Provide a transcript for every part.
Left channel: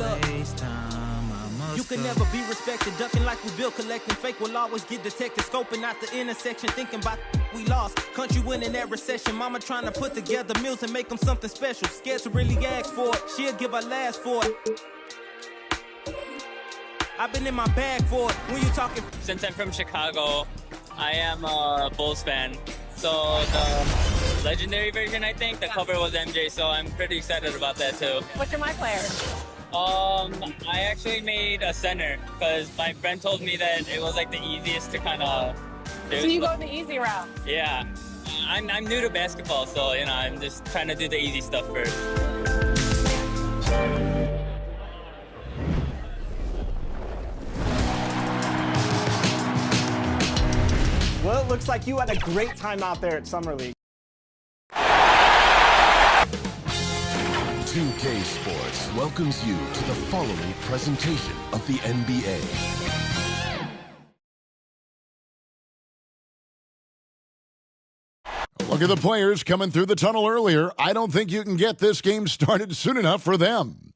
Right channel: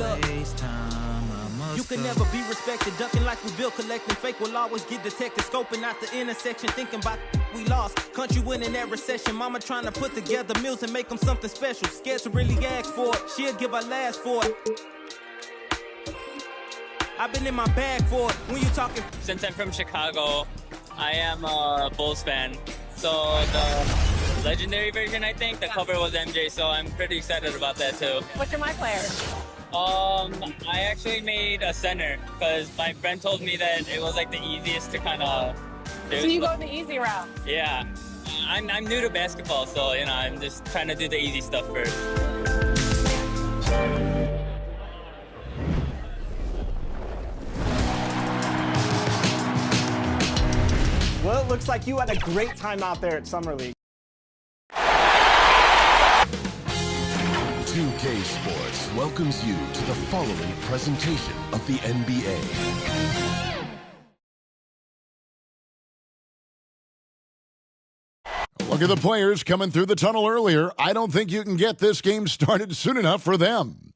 look. You can never be respected, ducking like we built, collecting fake will always get detected, scoping out the intersection, thinking about we lost. Country winning that recession, mama trying to put together meals and make them something special. Scared to really ask for it, she'll give her last for it. I've been in my bag for it, when you talking. Since I'm from Chicago, I am a Bulls fan. So the legendary version, I think, the cover was MJ, so I'm pretty excited about that too. What's your my player? I actually made a center because my friend told me that it was like the easiest to kind of do. So you go the easy route? Yeah. I'm new to basketball, so you know, I'm just trying to do the easy stuff first. Well, it looks like you had a great time out there at Summer League. 2K Sports welcomes you to the following presentation of the NBA. Look at the players coming through the tunnel earlier. I don't think you can get this game started soon enough for them.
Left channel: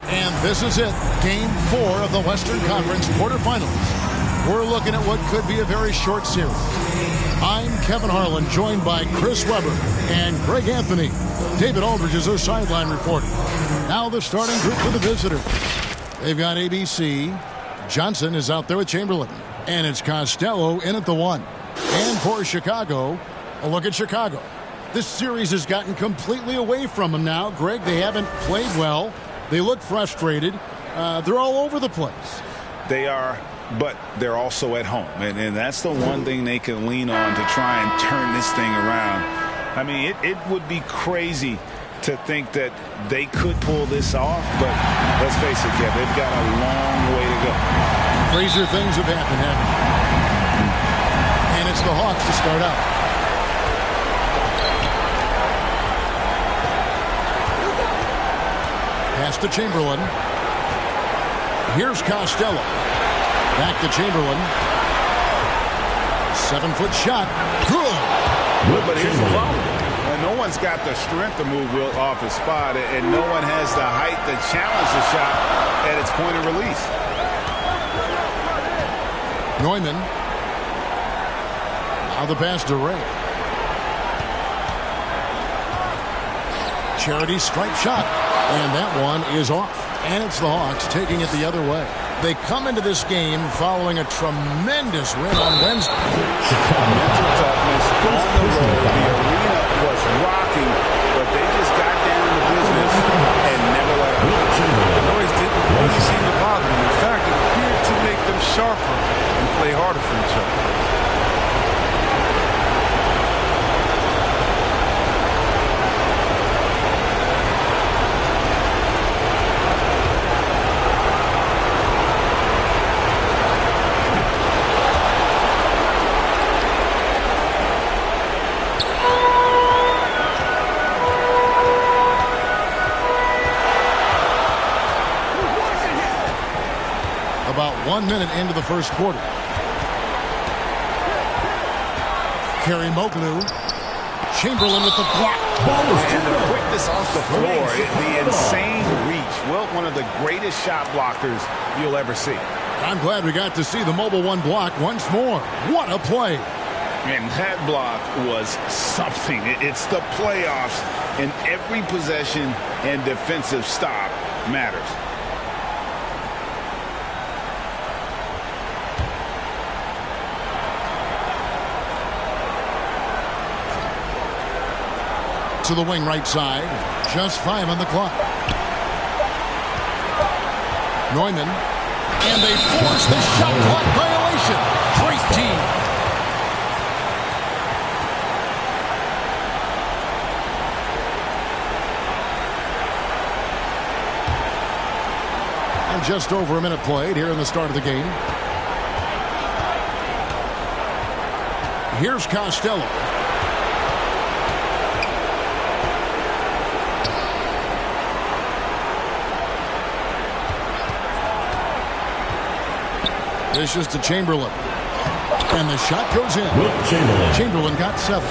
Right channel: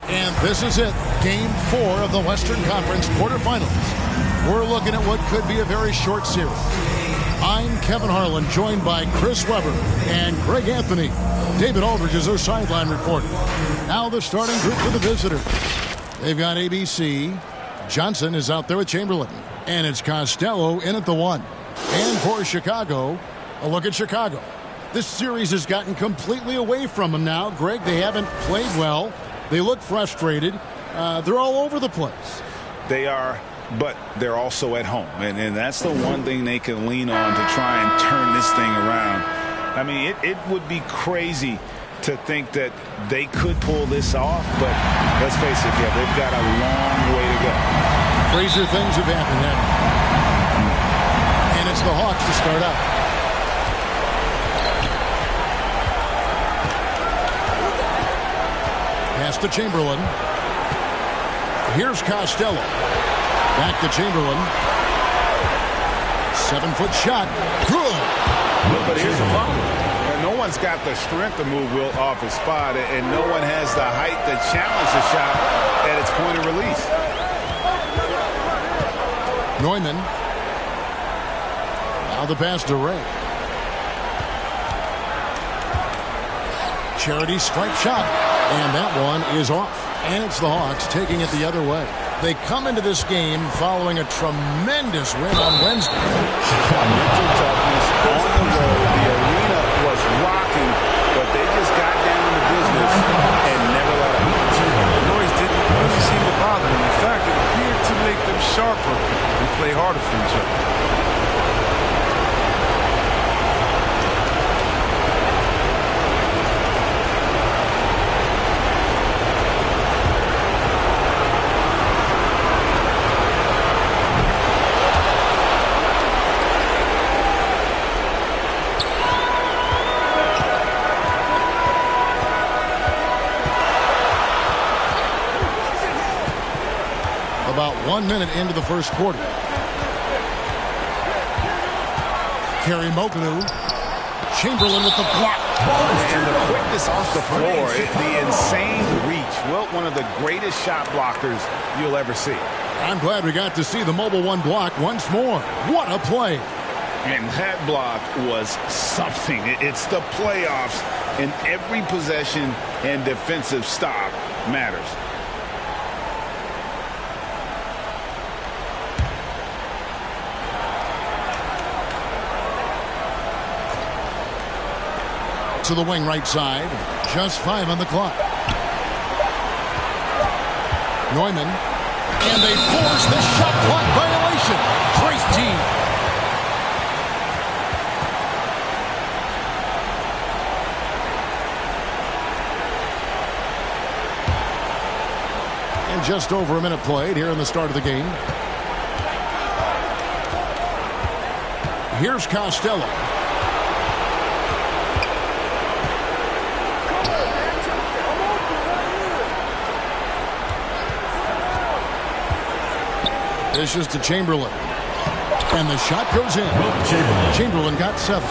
And this is it, Game 4 of the Western Conference quarterfinals. We're looking at what could be a very short series. I'm Kevin Harlan, joined by Chris Webber and Greg Anthony. David Aldridge is our sideline reporter. Now the starting group for the visitors. They've got ABC. Johnson is out there with Chamberlain. And it's Costello in at the 1. And for Chicago, a look at Chicago. This series has gotten completely away from them now. Greg, they haven't played well. They look frustrated. They're all over the place. They are, but they're also at home. And that's the one thing they can lean on to try and turn this thing around. I mean, it would be crazy to think that they could pull this off, but let's face it, Kev, they've got a long way to go. Crazier things have happened, haven't they? And it's the Hawks to start out. Pass to Chamberlain. Here's Costello. Back to Chamberlain. 7-foot shot. Good. But here's the problem. No one's got the strength to move Wilt off his spot, and no one has the height to challenge the shot at its point of release. Neumann. Now the pass to Ray. Charity strike shot. And that one is off. And it's the Hawks taking it the other way. They come into this game following a tremendous win on Wednesday. Mental toughness on the road. The arena was rocking, but they just got down to business and never let up. The noise didn't really seem to bother them. In fact, it appeared to make them sharper and play harder for each other. About 1 minute into the first quarter. Kerry Moglu. Chamberlain with the block. And the quickness off the floor, the insane reach. Wilt, one of the greatest shot blockers you'll ever see. I'm glad we got to see the mobile 1 block once more. What a play. And that block was something. It's the playoffs, and every possession and defensive stop matters. To the wing right side. Just 5 on the clock. Neumann. And they force the shot clock violation. Great team. And just over a minute played here in the start of the game. Here's Costello. This is to Chamberlain. And the shot goes in. Chamberlain got 7.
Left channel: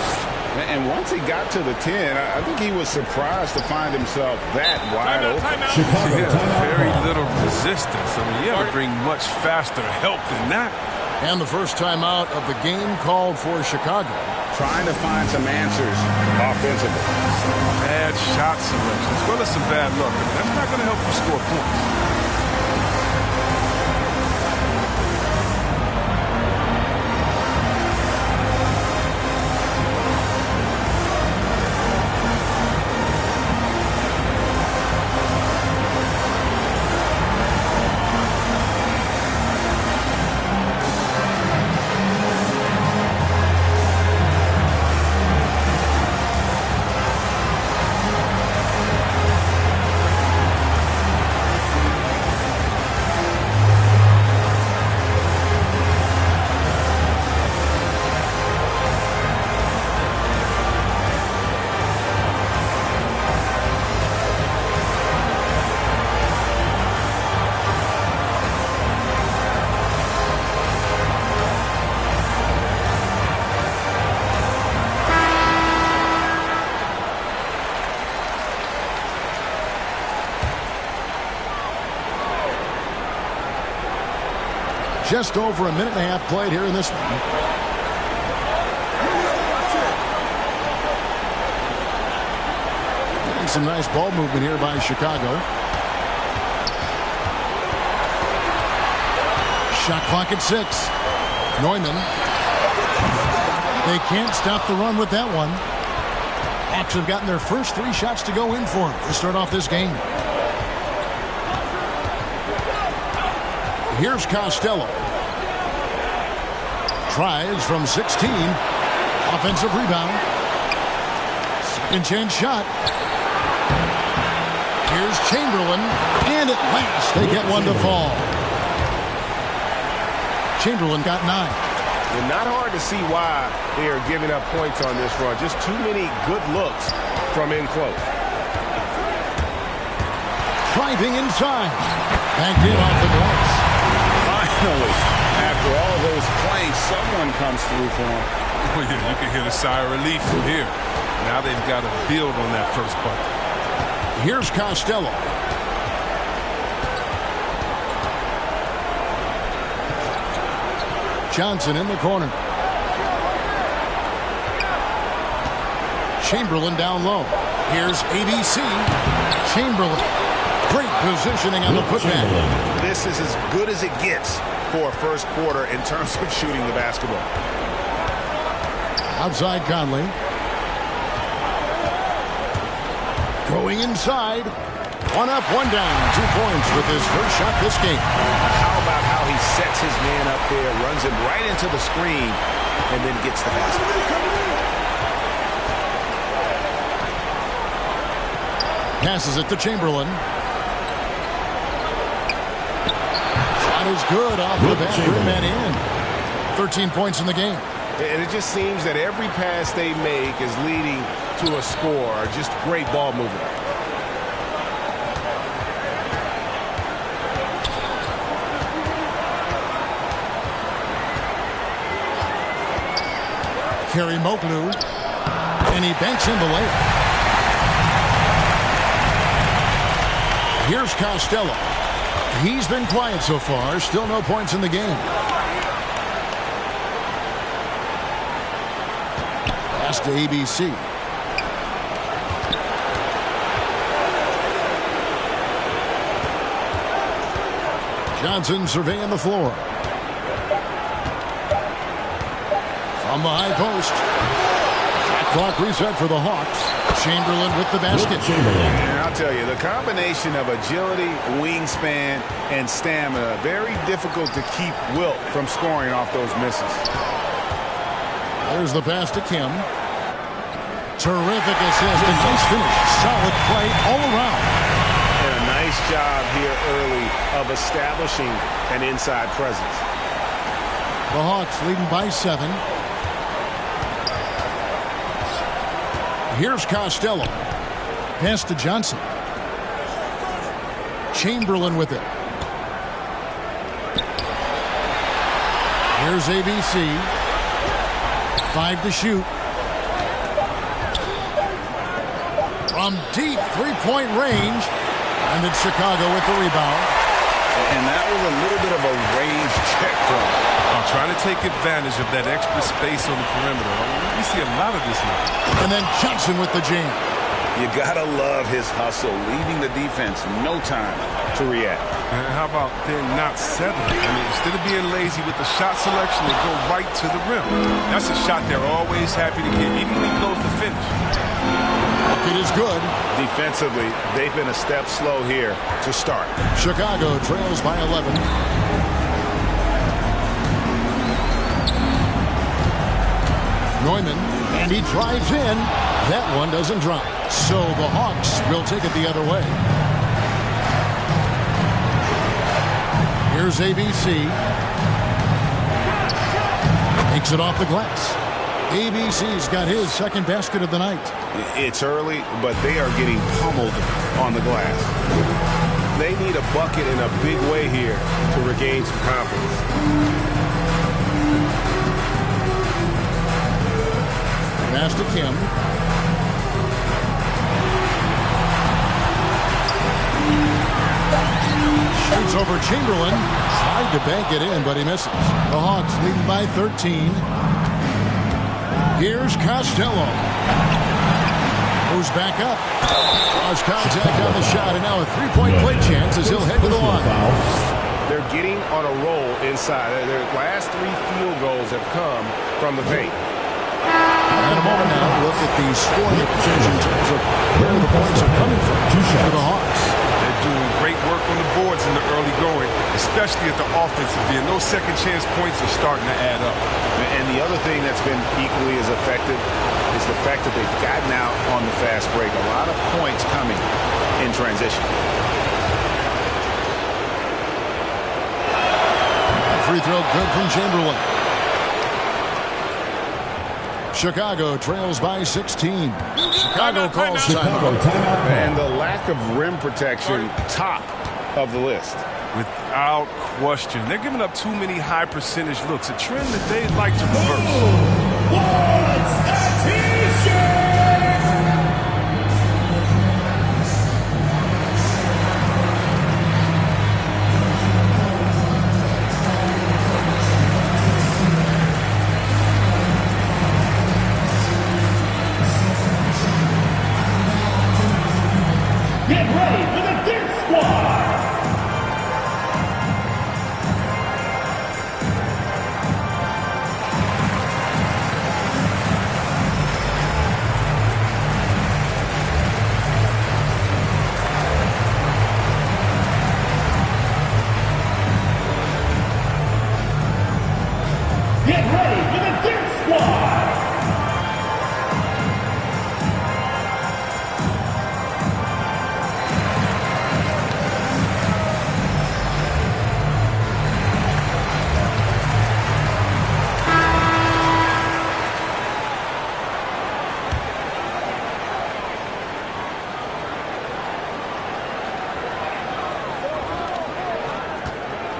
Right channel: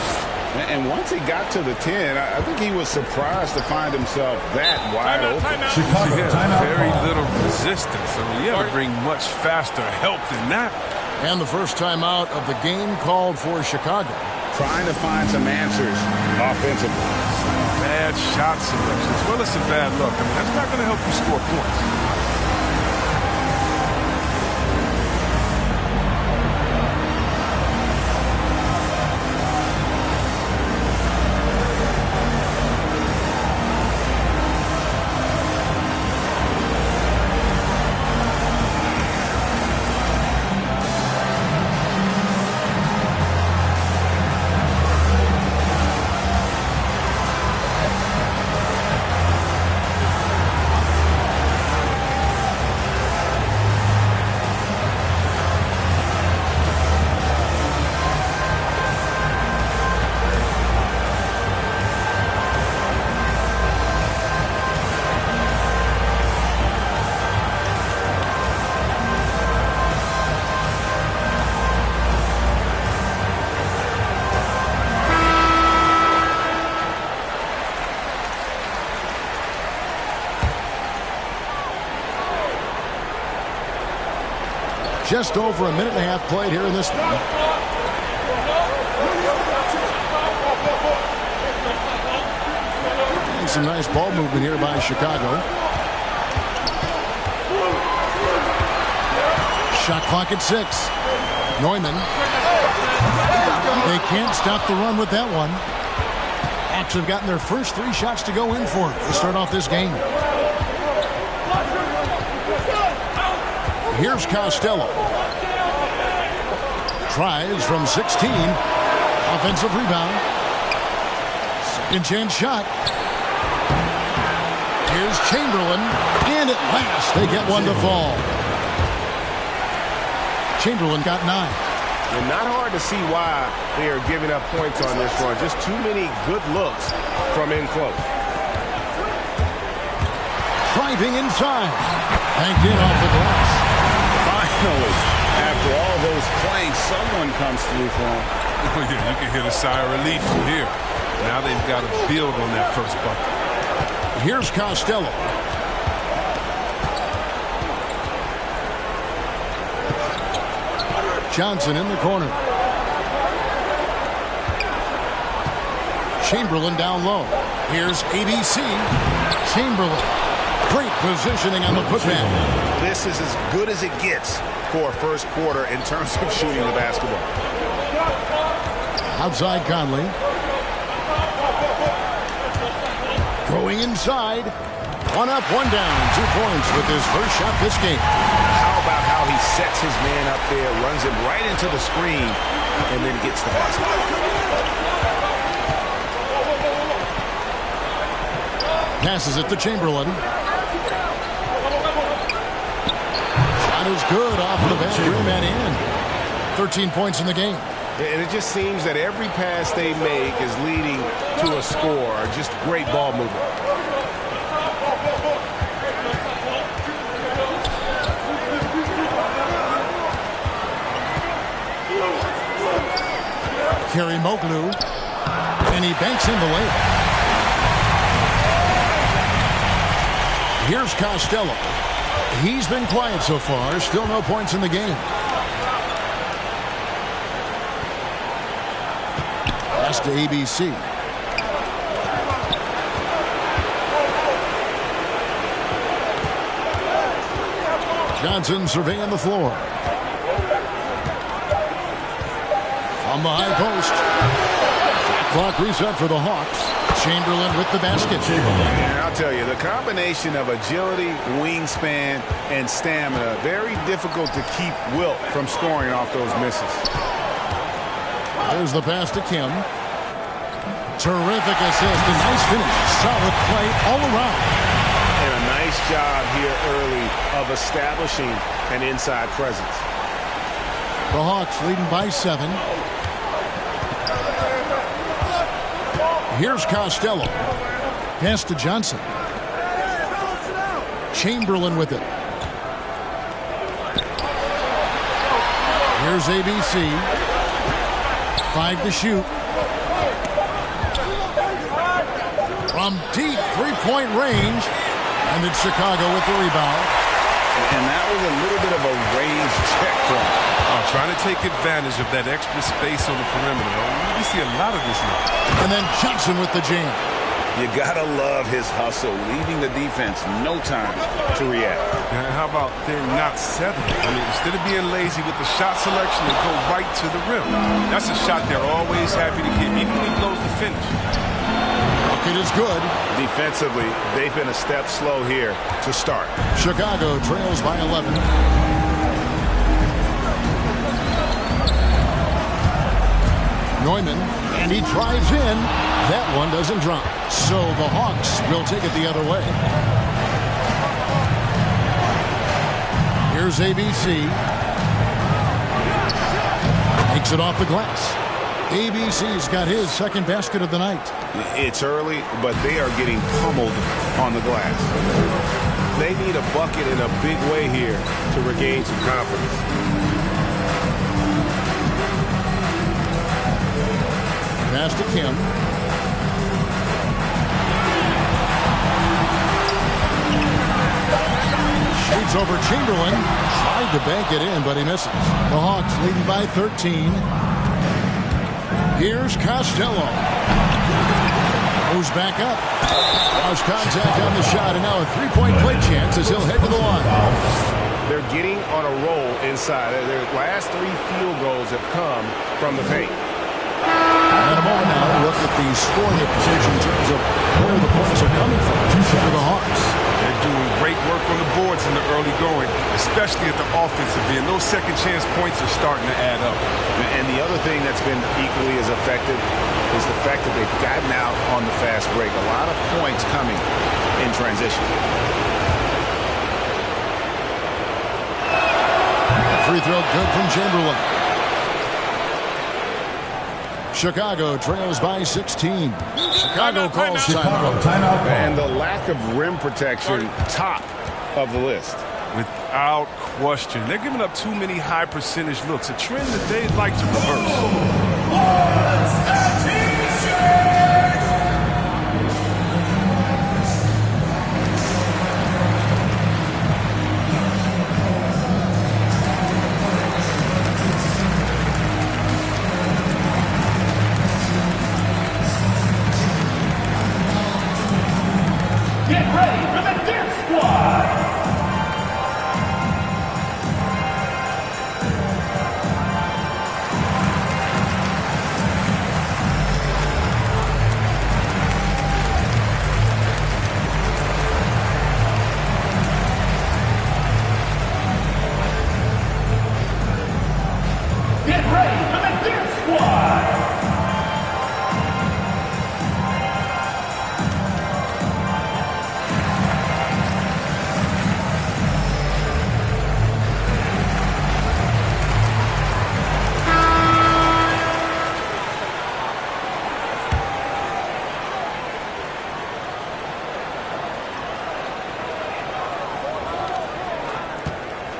And once he got to the 10, I think he was surprised to find himself that wide open. Yeah, very little resistance. I mean, you have to bring much faster help than that. And the first timeout of the game called for Chicago. Trying to find some answers offensively. Some bad shot selection, as well as some bad luck. I mean, that's not going to help you score points. Just over a minute and a half played here in this one. And some nice ball movement here by Chicago. Shot clock at 6. Neumann. They can't stop the run with that one. Hawks have gotten their first 3 shots to go in for them to start off this game. Here's Costello. Tries from 16. Offensive rebound. Second chance shot. Here's Chamberlain. And at last they get one to fall. Chamberlain got 9. And not hard to see why they are giving up points on this run. Just too many good looks from in close. Driving inside. Banked in off the glass. Finally, after all those clanks, someone comes through for him. Oh, yeah, you can hear the sigh of relief from here. Now they've got to build on that first bucket. Here's Costello. Johnson in the corner. Chamberlain down low. Here's ABC. Chamberlain. Great positioning on the putback. This is as good as it gets for a first quarter in terms of shooting the basketball. Outside Conley. Going inside. 1 up, 1 down. 2 points with his first shot this game. How about how he sets his man up there, runs him right into the screen, and then gets the basket. Passes it to Chamberlain. Shot is good off the back rim and in. 13 points in the game. And it just seems that every pass they make is leading to a score. Just great ball movement. Kerry Moglu. And he banks in the layup. Here's Costello. He's been quiet so far. Still no points in the game. Pass to ABC. Johnson surveying the floor. From the high post. Shot clock reset for the Hawks. Chamberlain with the basket. And I'll tell you, the combination of agility, wingspan, and stamina, very difficult to keep Wilt from scoring off those misses. There's the pass to Kim. Terrific assist. A nice finish. Solid play all around. And a nice job here early of establishing an inside presence. The Hawks leading by 7. Here's Costello. Pass to Johnson. Chamberlain with it. Here's ABC. 5 to shoot. from deep three-point range. And it's Chicago with the rebound. And that was a little bit of a range check from him. Trying to take advantage of that extra space on the perimeter. We see a lot of this now. And then Johnson with the jam. You gotta love his hustle, leaving the defense no time to react. And how about they're not settling? I mean, instead of being lazy with the shot selection, they go right to the rim. That's a shot they're always happy to get, even when he blows the finish. Bucket is good. Defensively, they've been a step slow here to start. Chicago trails by 11. Neumann, and he drives in. That one doesn't drop. So the Hawks will take it the other way. Here's ABC. Makes it off the glass. ABC's got his second basket of the night. It's early, but they are getting pummeled on the glass. They need a bucket in a big way here to regain some confidence. Pass to Kim. Shoots over Chamberlain. Tried to bank it in, but he misses. The Hawks leading by 13. Here's Costello. Goes back up. Lost contact on the shot, and now a three-point play chance as he'll head to the line. They're getting on a roll inside. Their last 3 field goals have come from the paint. In a moment now, look at the scoring position in terms of where the points are coming from for the Hawks. They're doing great work on the boards in the early going, especially at the offensive end. Those second chance points are starting to add up. And the other thing that's been equally as effective is the fact that they've gotten out on the fast break. A lot of points coming in transition. That free throw good from Chamberlain. Chicago trails by 16. Chicago calls timeout. And the lack of rim protection, top of the list. Without question. They're giving up too many high percentage looks, a trend that they'd like to reverse. Get ready for the Dance Squad! Get ready for the Dance Squad!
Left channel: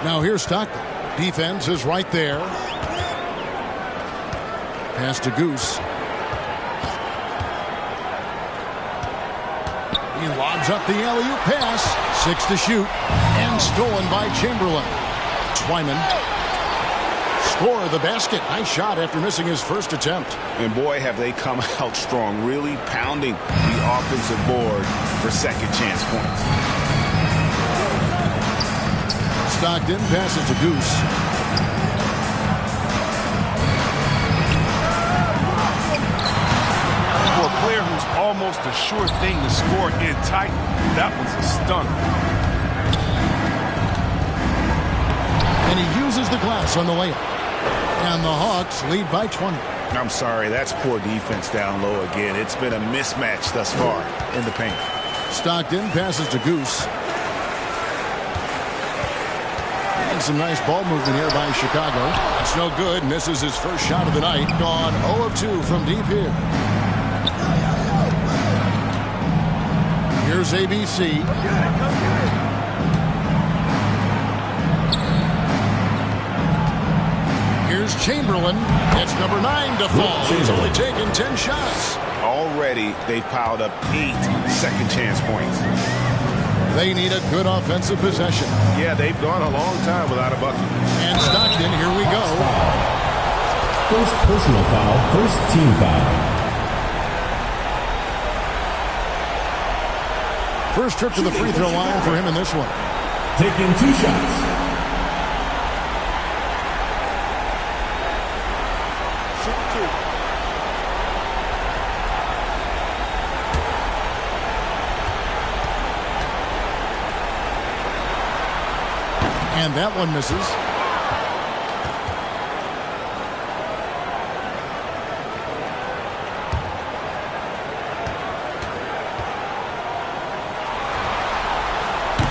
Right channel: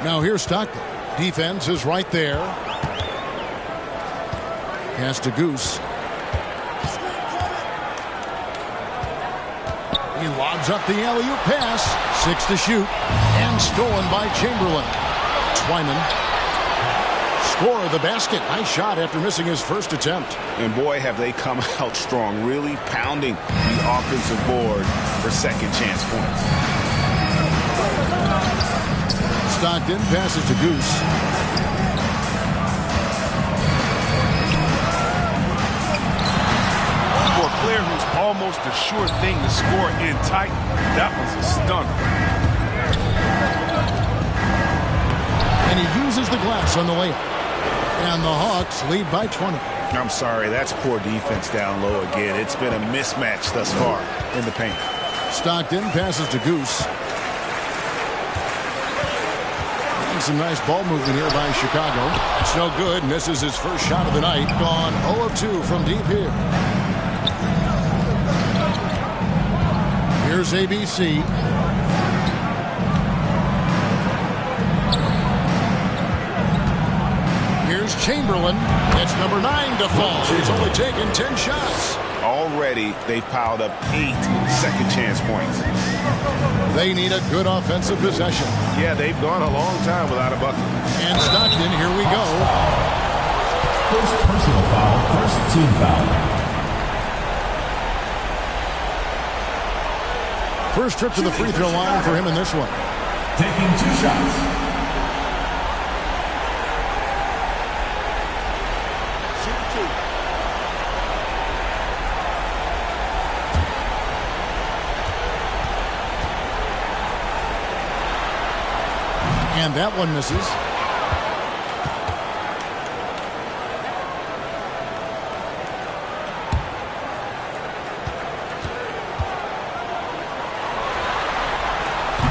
Now here's Stockton. Defense is right there. Pass to Goose. He lobs up the alley-oop pass. 6 to shoot. And stolen by Chamberlain. Twyman. Score the basket. Nice shot after missing his first attempt. And boy, have they come out strong, really pounding the offensive board for second chance points. Stockton passes to Goose. For a player who's almost a sure thing to score in tight, that was a stunner. And he uses the glass on the layup. And the Hawks lead by 20. I'm sorry, that's poor defense down low again. It's been a mismatch thus far in the paint. Stockton passes to Goose. And some nice ball movement here by Chicago. That's no good. Misses his first shot of the night. Gone 0 of 2 from deep here. Here's ABC. Here's Chamberlain. It's number 9 to fall. He's only taken 10 shots. Already, they've piled up 8 second chance points. They need a good offensive possession. Yeah, they've gone a long time without a bucket. And Stockton, here we go. First personal foul, first team foul. First trip to the free throw line for him in this one. Taking 2 shots. Shoot 2. And that one misses.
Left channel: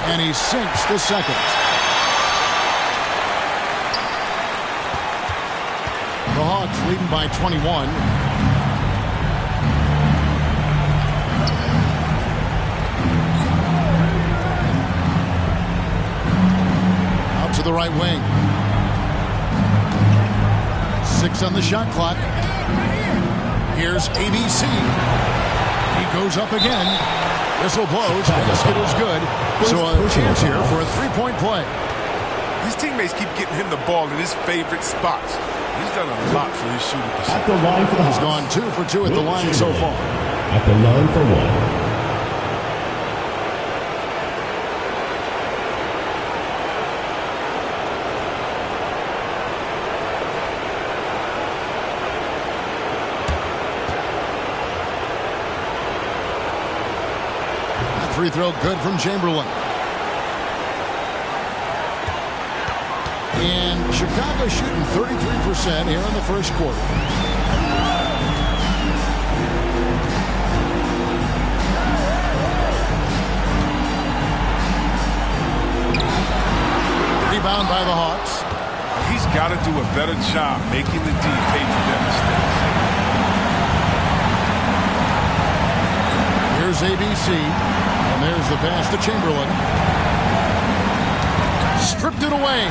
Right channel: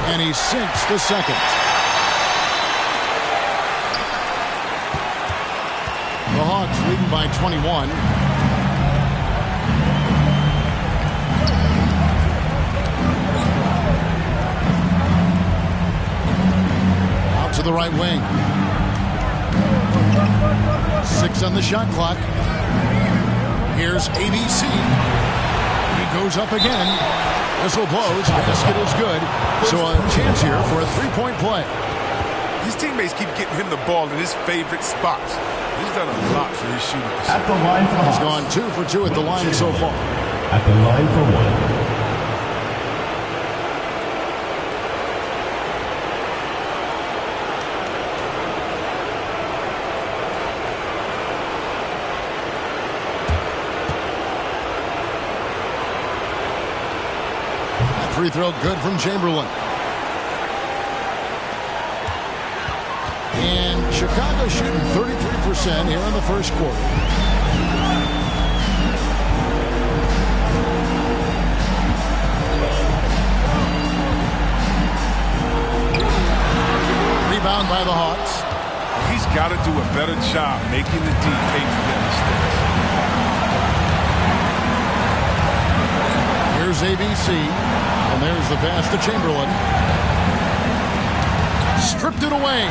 And he sinks the second. The Hawks leading by 21. Out to the right wing. 6 on the shot clock. Here's ABC. He goes up again. Whistle blows. Basket is good. So a chance here for a 3-point play. His teammates keep getting him the ball in his favorite spots. He's done a lot for his shooting percentage. At the line for the He's Hawks. gone 2 for 2 at the line so far. At the line for 1. Free throw good from Chamberlain. And Chicago shooting 33% here in the first quarter. Rebound by the Hawks. He's got to do a better job making the D pay for their mistakes. Here's ABC. And there's the pass to Chamberlain. Stripped it away.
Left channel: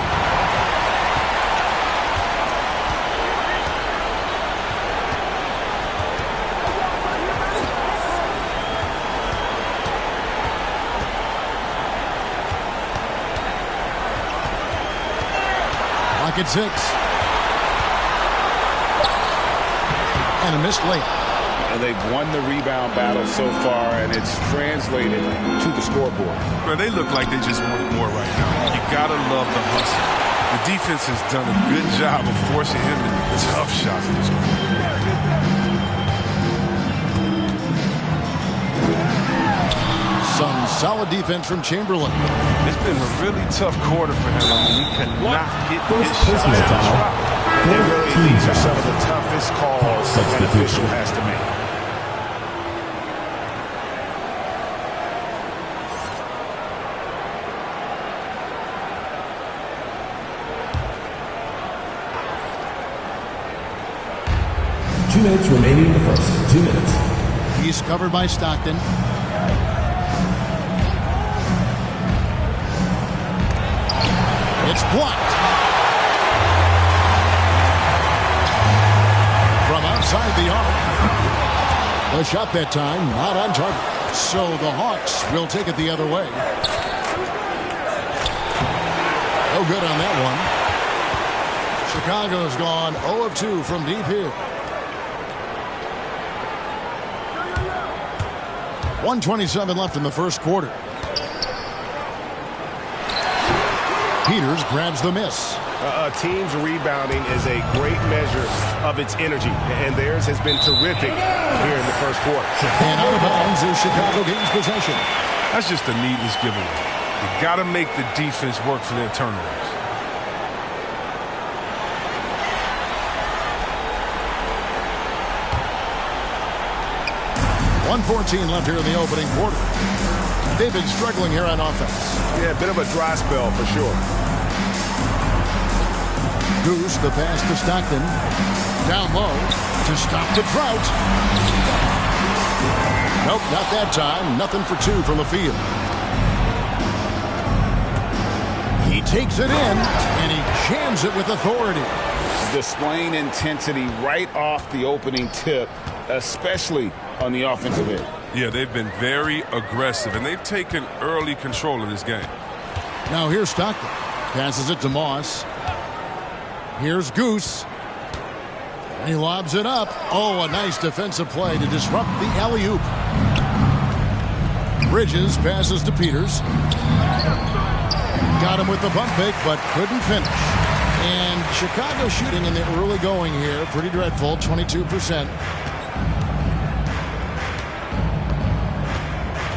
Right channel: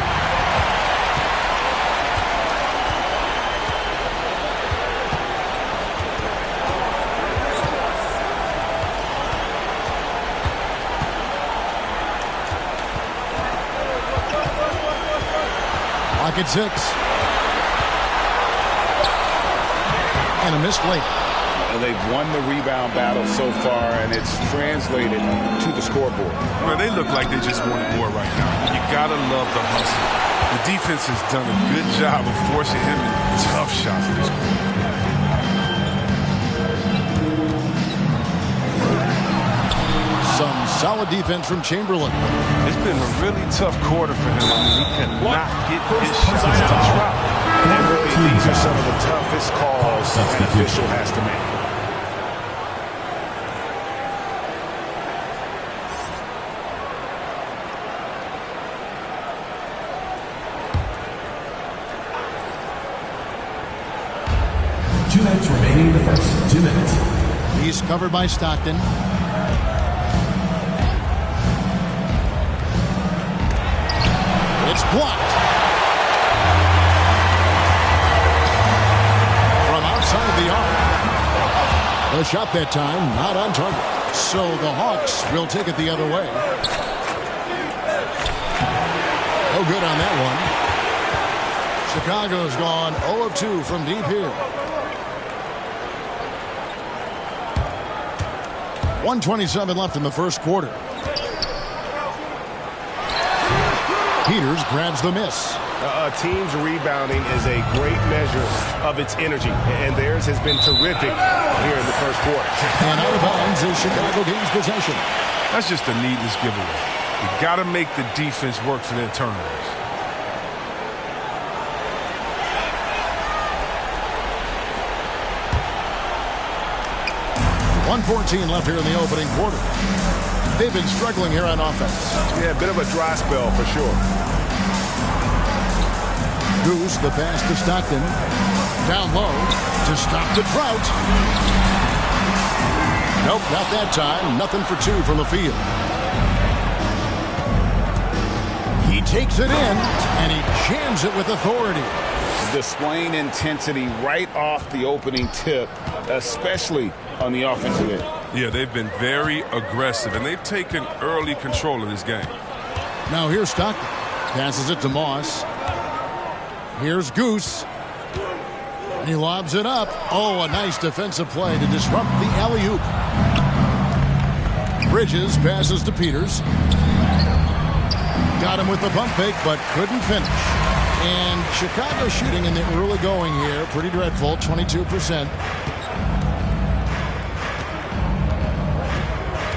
Clock at 6. And a missed late. They've won the rebound battle so far, and it's translated to the scoreboard. Well, they look like they just wanted more right now. You gotta love the hustle. The defense has done a good job of forcing him in tough shots this quarter. Some solid defense from Chamberlain. It's been a really tough quarter for him. I mean, he cannot get his shots to drop. And really, these are some of the toughest calls an official has to make. Two minutes remaining in the first. 2 minutes. He's covered by Stockton. It's blocked. From outside the arc. The shot that time not on target. So the Hawks will take it the other way. No good on that one. Chicago's gone 0 of 2 from deep here. 1:27 left in the first quarter. Peters grabs the miss. A team's rebounding is a great measure of its energy, and theirs has been terrific here in the first quarter. And out of bounds as Chicago gains possession. That's just a needless giveaway. You got to make the defense work for their turnovers. .114 left here in the opening quarter. They've been struggling here on offense. Yeah, a bit of a dry spell for sure. Goose, the pass to Stockton. Down low to stop the drought. Nope, not that time. Nothing for 2 from the field. He takes it in, and he jams it with authority. displaying intensity right off the opening tip, especially on the offensive end. Yeah, they've been very aggressive, and they've taken early control of this game. Now here's Stockton. Passes it to Moss. Here's Goose. He lobs it up. Oh, a nice defensive play to disrupt the alley-oop. Bridges passes to Peters. Got him with the pump fake, but couldn't finish. And Chicago shooting in the early going here. Pretty dreadful, 22%.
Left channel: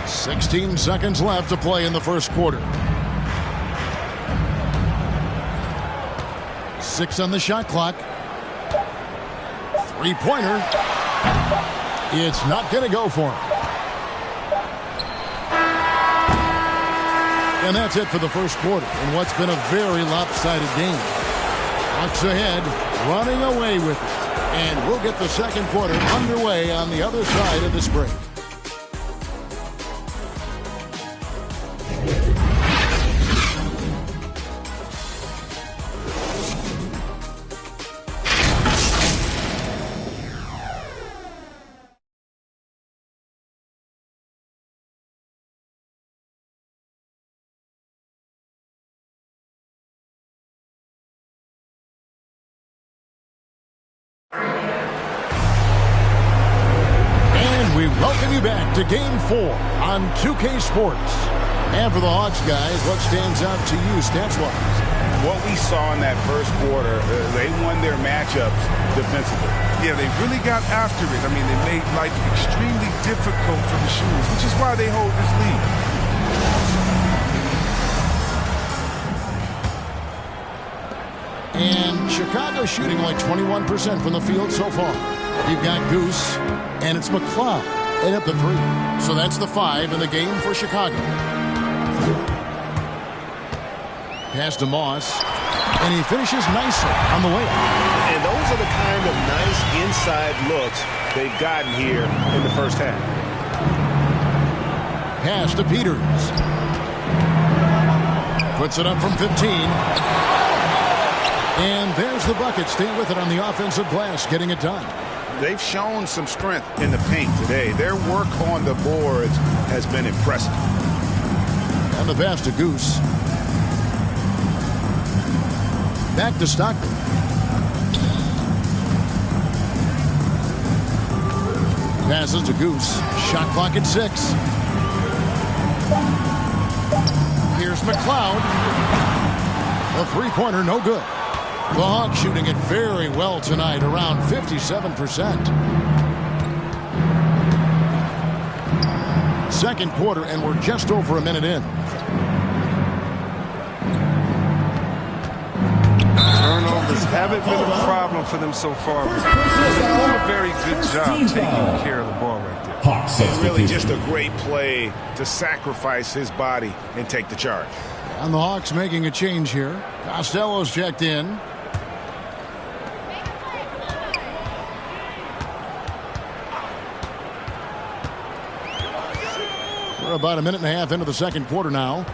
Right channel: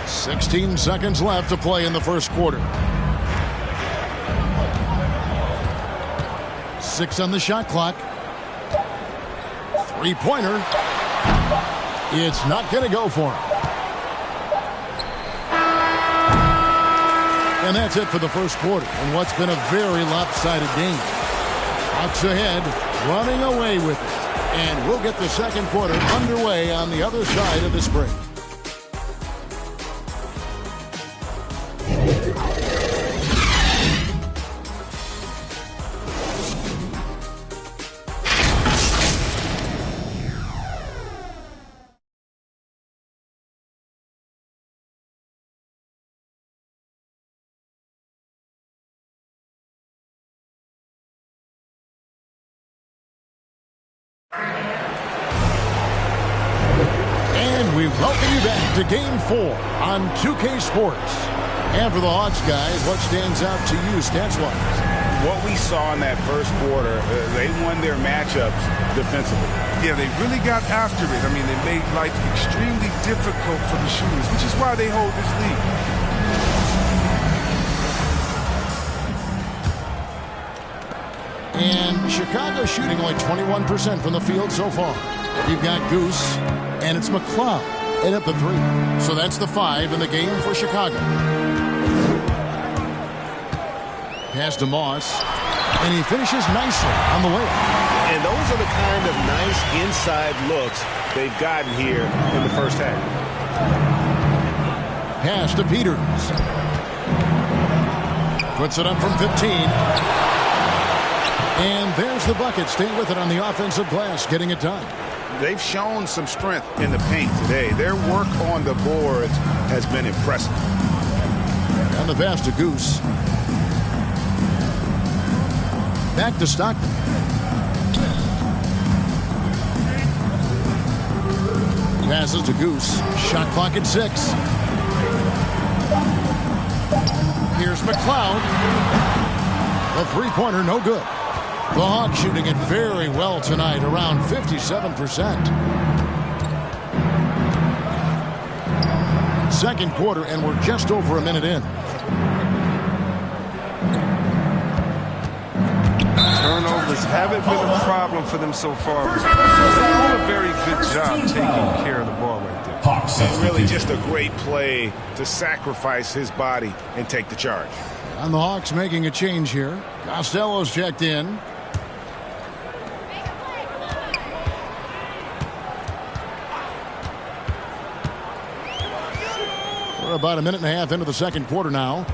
16 seconds left to play in the first quarter. 6 on the shot clock. Three-pointer. It's not going to go for him. And that's it for the first quarter in what's been a very lopsided game. Hawks ahead, running away with it. And we'll get the second quarter underway on the other side of this break. And we welcome you back to Game 4 on 2K Sports. And for the Hawks guys, what stands out to you stats-wise? What we saw in that first quarter, they won their matchups defensively. Yeah, they really got after it. I mean, they made life extremely difficult for the shooters, which is why they hold this lead. And Chicago shooting only 21% from the field so far. You've got Goose, and it's McLeod, and up the 3. So that's the 5 in the game for Chicago. Pass to Moss, and he finishes nicely on the way. And those are the kind of nice inside looks they've gotten here in the first half. Pass to Peters. Puts it up from 15. And there's the bucket. Staying with it on the offensive glass, getting it done. They've shown some strength in the paint today. Their work on the boards has been impressive. And the pass to Goose. Back to Stockton. Passes to Goose. Shot clock at 6. Here's McLeod. The three-pointer, no good. The Hawks shooting it very well tonight, around 57%. Second quarter, and we're just over a minute in. Turnovers haven't been a problem for them so far. They're doing a very good job taking care of the ball right there. And really just a great play to sacrifice his body and take the charge. And the Hawks making a change here. Costello's checked in. We're about a minute and a half into the second quarter now.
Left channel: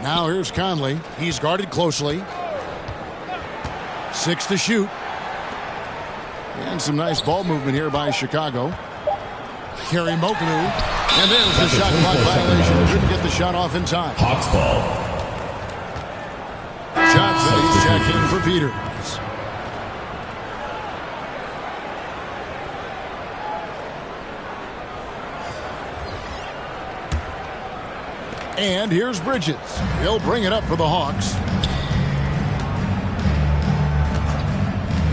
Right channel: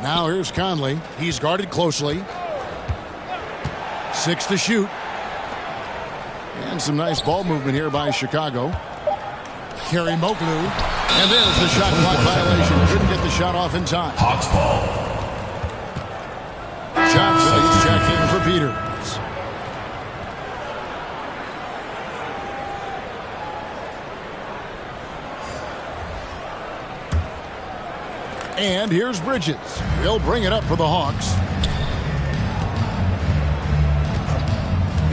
Now here's Conley. He's guarded closely. 6 to shoot. And some nice ball movement here by Chicago. Kerry Moklu. And there's the shot clock violation. Couldn't get the shot off in time. Hawks ball. Johnson's checked in for Peters. And here's Bridges. He'll bring it up for the Hawks.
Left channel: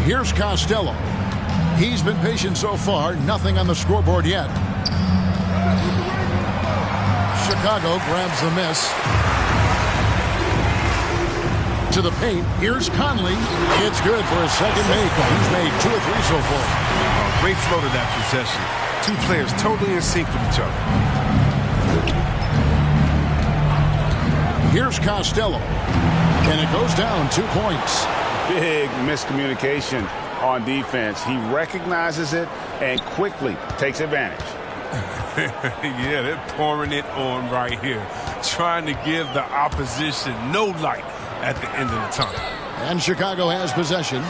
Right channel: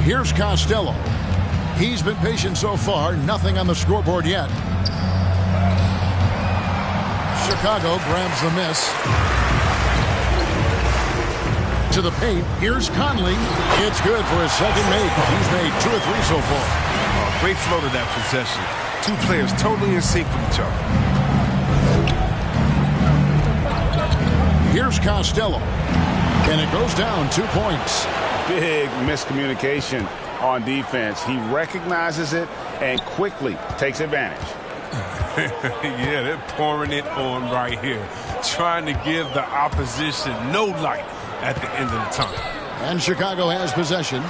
Here's Costello. He's been patient so far. Nothing on the scoreboard yet. Chicago grabs the miss. To the paint. Here's Conley. It's good for his second make. He's made 2 or 3 so far. Oh, great flow to that possession. 2 players totally in sync with each other. Here's Costello. And it goes down 2 points. Big miscommunication on defense. He recognizes it and quickly takes advantage. Yeah, they're pouring it on right here. Trying to give the opposition no light at the end of the tunnel. And Chicago has possession,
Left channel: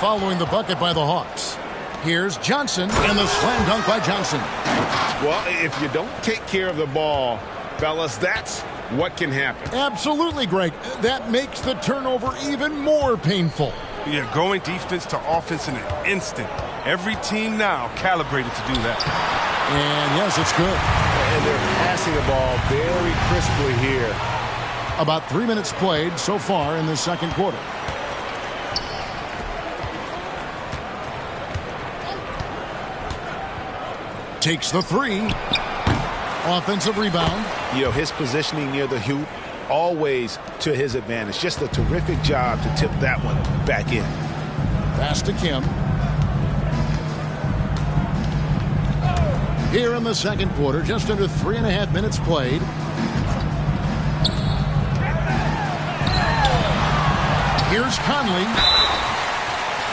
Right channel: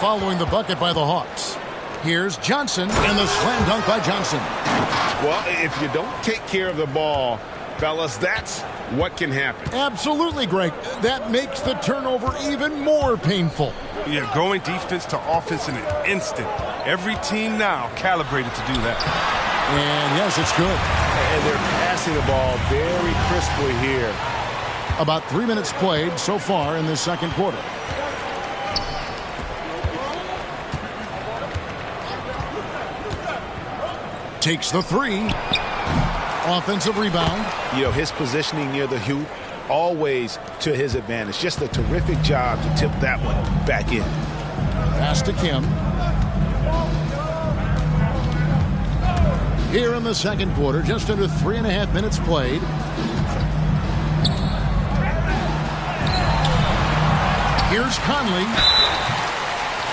following the bucket by the Hawks. Here's Johnson, and the slam dunk by Johnson. Well, if you don't take care of the ball, fellas, that's what can happen. Absolutely, Greg. That makes the turnover even more painful. Yeah, going defense to offense in an instant. Every team now calibrated to do that. And yes, it's good. And they're passing the ball very crisply here. About 3 minutes played so far in the second quarter. Takes the three. Offensive rebound. You know, his positioning near the hoop, always to his advantage. Just a terrific job to tip that one back in. Pass to Kim. Here in the second quarter, just under 3.5 minutes played. Here's Conley.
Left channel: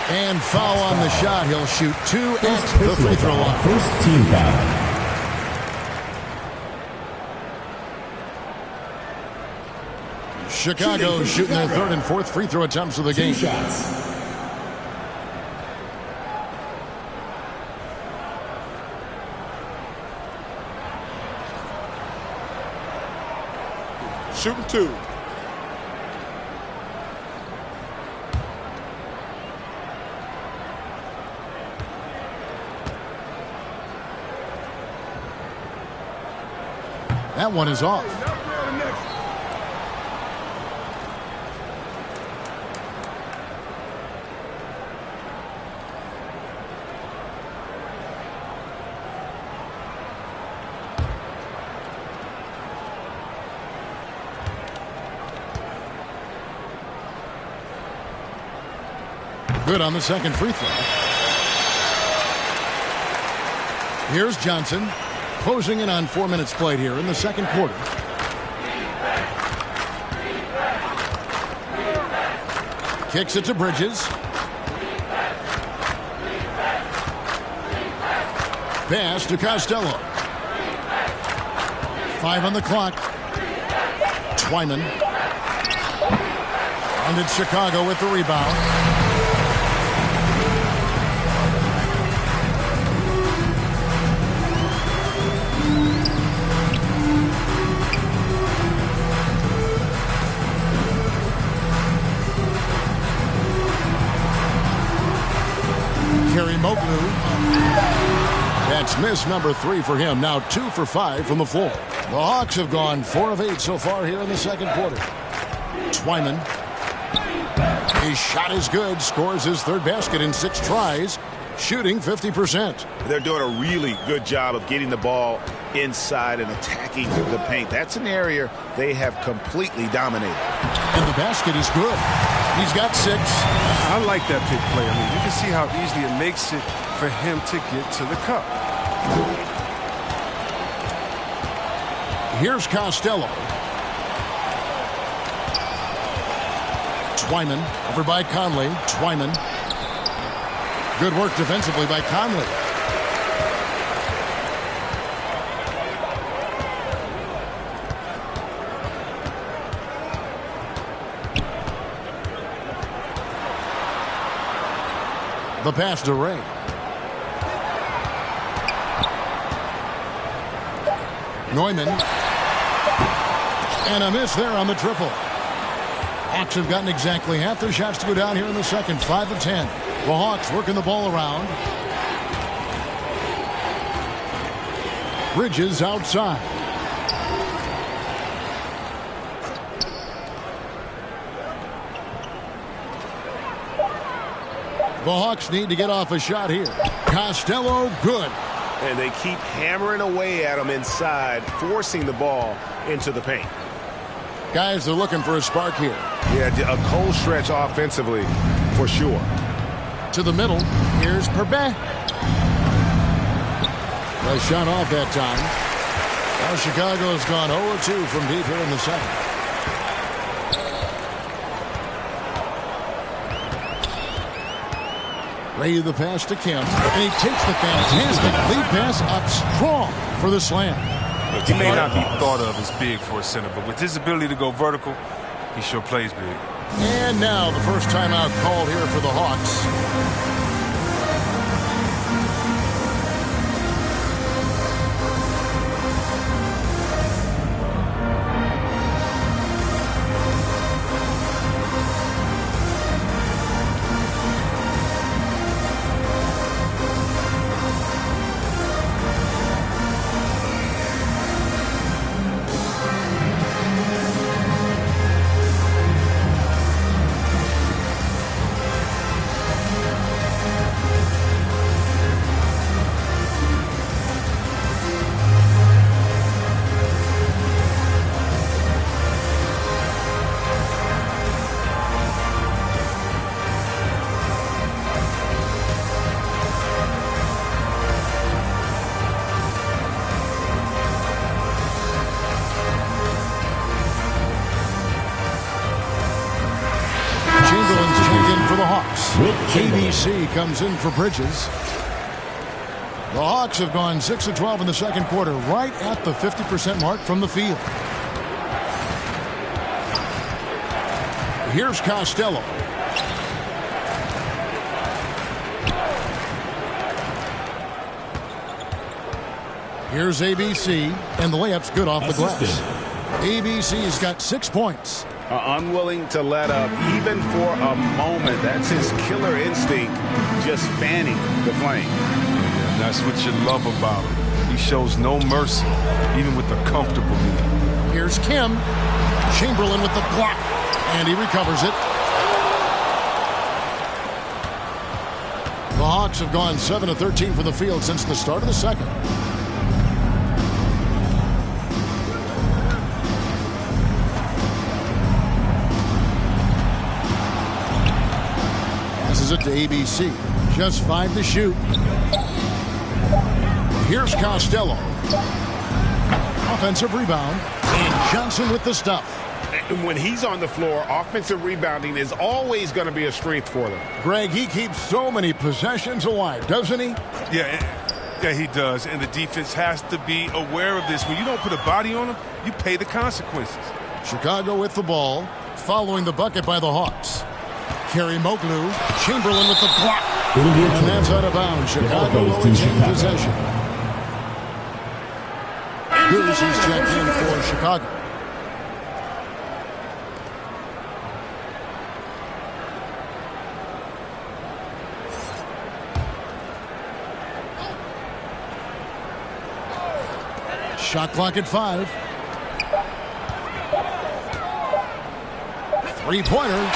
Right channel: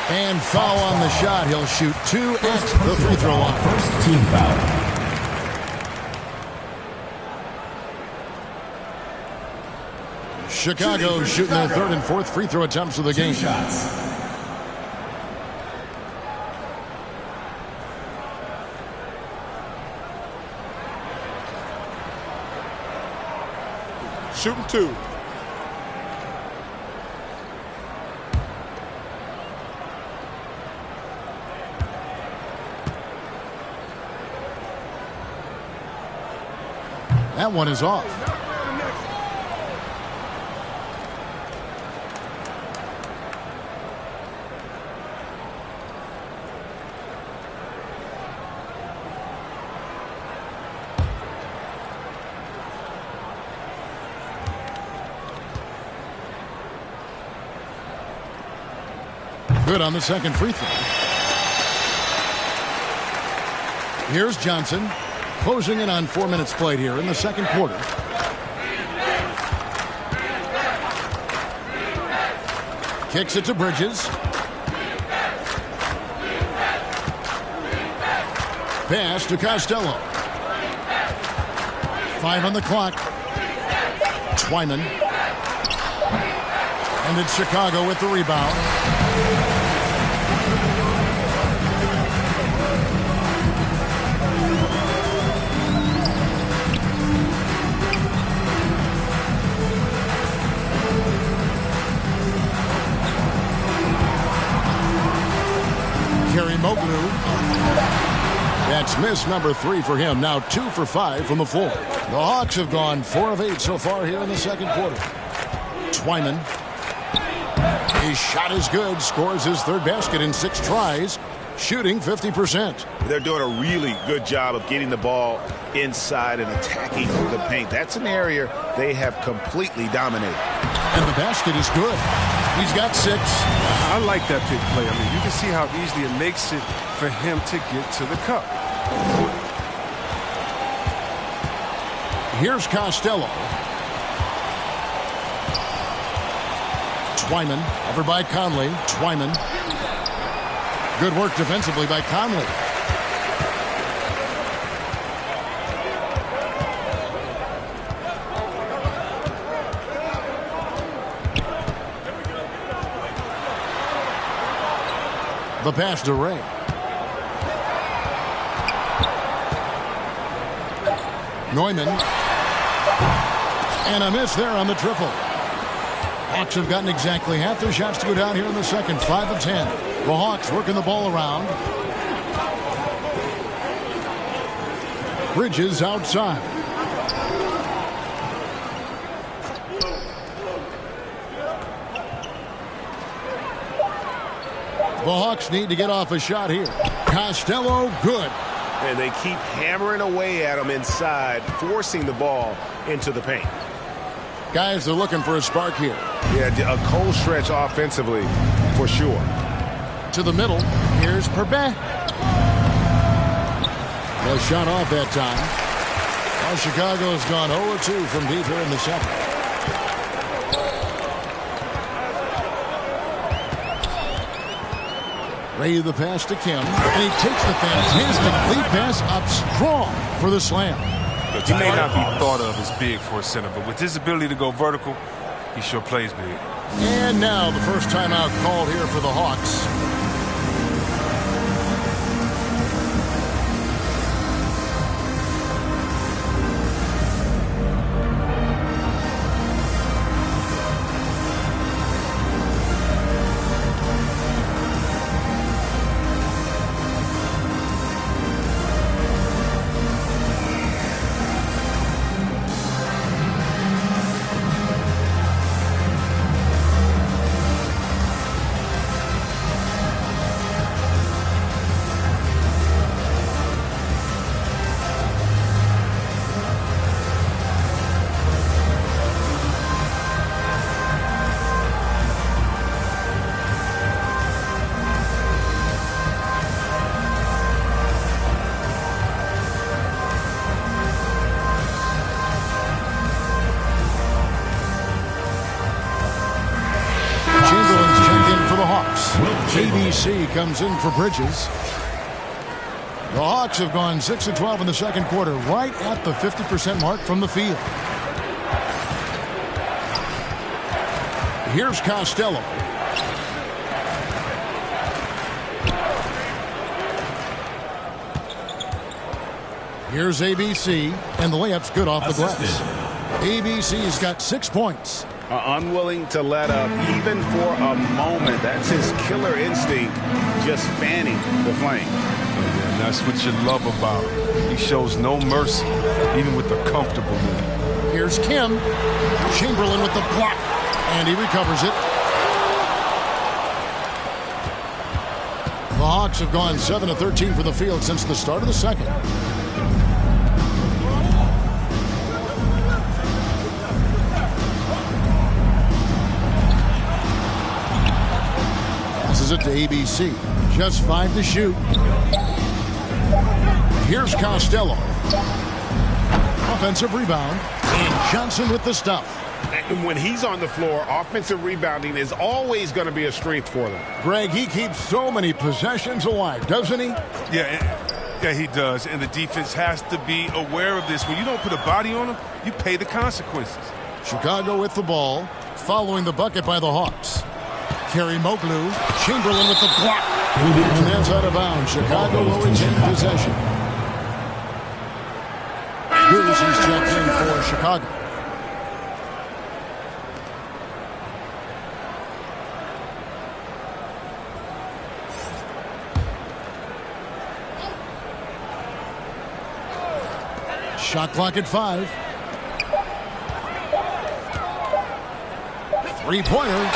And foul on the shot. He'll shoot 2 at the free throw line. First team foul. Chicago shooting their third and fourth free throw attempts of the game. 2 shots. Shooting 2. That one is off. Good on the second free throw. Here's Johnson. Closing in on 4 minutes played here in the second quarter. Kicks it to Bridges. Pass to Costello. 5 on the clock. Twyman. And it's Chicago with the rebound. Kerry Moklu. That's miss number 3 for him. Now 2 for 5 from the floor. The Hawks have gone 4 of 8 so far here in the second quarter. Twyman. His shot is good. Scores his third basket in 6 tries. Shooting 50%. They're doing a really good job of getting the ball inside and attacking the paint. That's an area they have completely dominated. And the basket is good. He's got 6. I like that pick play. I mean, you can see how easily it makes it for him to get to the cup. Here's Costello. Twyman over by Conley. Twyman. Good work defensively by Conley. The pass to Ray. Neumann. And a miss there on the triple. Hawks have gotten exactly half their shots to go down here in the second. 5 of 10. The Hawks working the ball around. Bridges outside. The Hawks need to get off a shot here. Costello, good. And they keep hammering away at him inside, forcing the ball into the paint. Guys, they're looking for a spark here. Yeah, a cold stretch offensively for sure. To the middle. Here's Perbet. The shot off that time. Well, Chicago has gone 0-2 from deep here in the second. Ray the pass to Kim. And he takes the fantastic lead pass up strong for the slam. Look, he may not be thought of as big for a center, but with his ability to go vertical, He sure plays big. And now the first timeout called here for the Hawks. ABC comes in for Bridges. The Hawks have gone 6 of 12 in the second quarter, right at the 50% mark from the field. Here's Costello. Here's ABC, and the layup's good off the glass. ABC's got 6 points. Unwilling to let up even for a moment. That's his killer instinct, just fanning the flame. And that's what you love about him. He shows no mercy, even with a comfortable lead. Here's Kim. Chamberlain with the block, and he recovers it. The Hawks have gone 7 of 13 from the field since the start of the second. Passes it to ABC. Just 5 to shoot. Here's Costello. Offensive rebound. And Johnson with the stuff. And when he's on the floor, offensive rebounding is always going to be a strength for them. Greg, he keeps so many possessions alive, doesn't he? Yeah, he does. And the defense has to be aware of this. When you don't put a body on him, you pay the consequences. Chicago with the ball, following the bucket by the Hawks. Kerry Moglu, Chamberlain with the block. And that's out of bounds. Chicago will retain possession. Here's he's checked in for Chicago. Shot clock at 5. Three-pointer.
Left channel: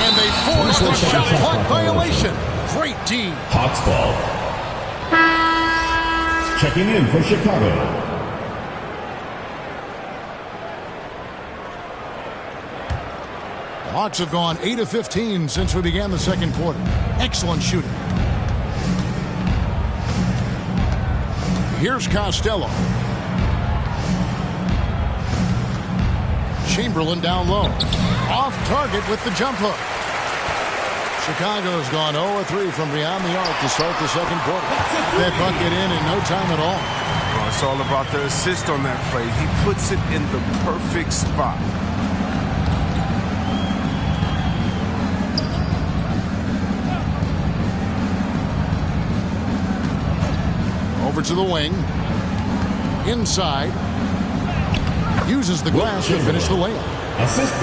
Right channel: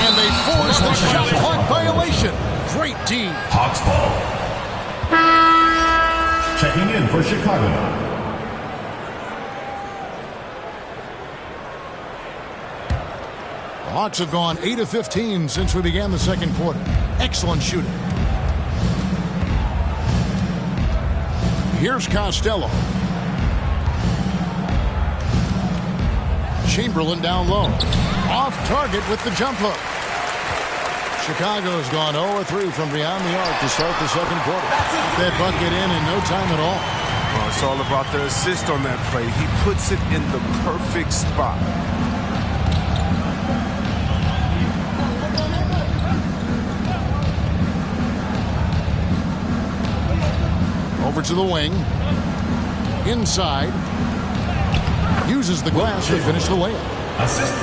And they force the shot clock violation. Great D. Hawks ball. Checking in for Chicago. The Hawks have gone 8 of 15 since we began the second quarter. Excellent shooting. Here's Costello. Chamberlain down low. Off target with the jump hook. Chicago's gone 0 of 3 from beyond the arc to start the second quarter. That bucket in no time at all. Well, it's all about the assist on that play. He puts it in the perfect spot. Over to the wing. Inside. Uses the glass to finish the layup.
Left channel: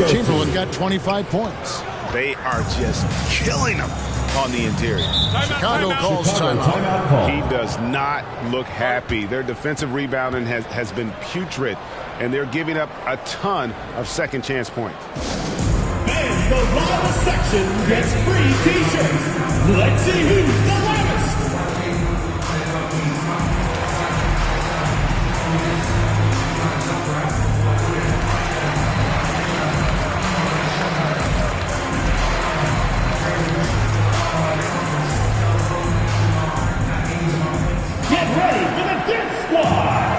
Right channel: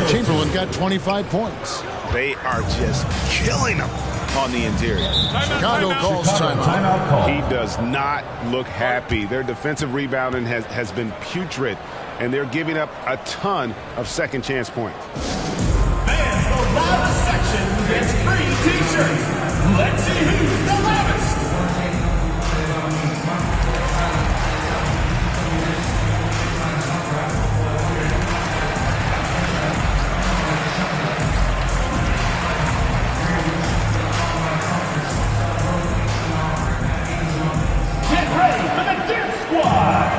Chamberlain got 25 points. They are just killing them on the interior. Chicago calls timeout. He does not look happy. Their defensive rebounding has been putrid, and they're giving up a ton of second chance points. Fans, the loudest section gets free t-shirts. Let's see who's the loudest. Get ready for the Dance Squad!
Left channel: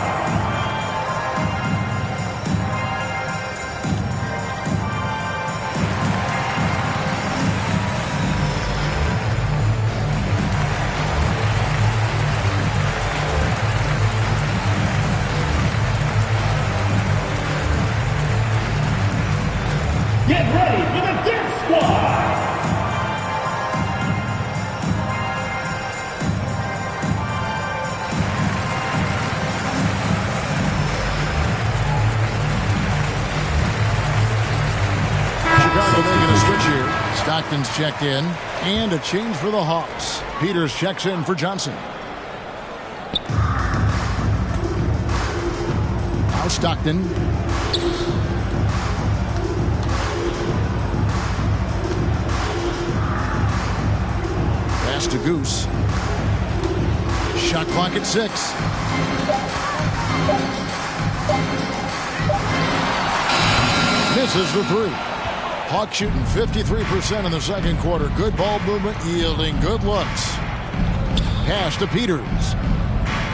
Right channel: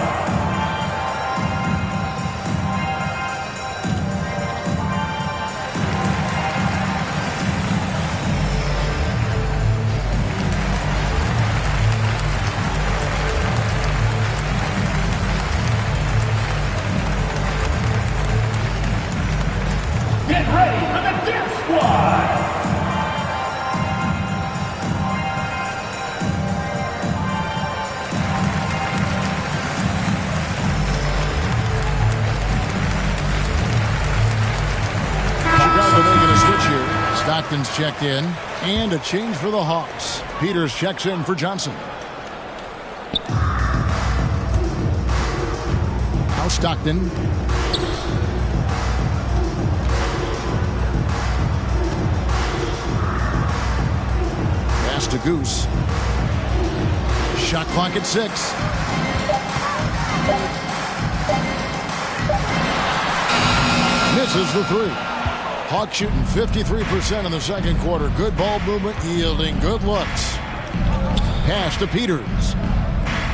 Stockton's checked in, and a change for the Hawks. Peters checks in for Johnson. Now Stockton. Pass to Goose. Shot clock at 6. Misses the 3. Hawks shooting 53% in the second quarter. Good ball movement, yielding good looks. Pass to Peters.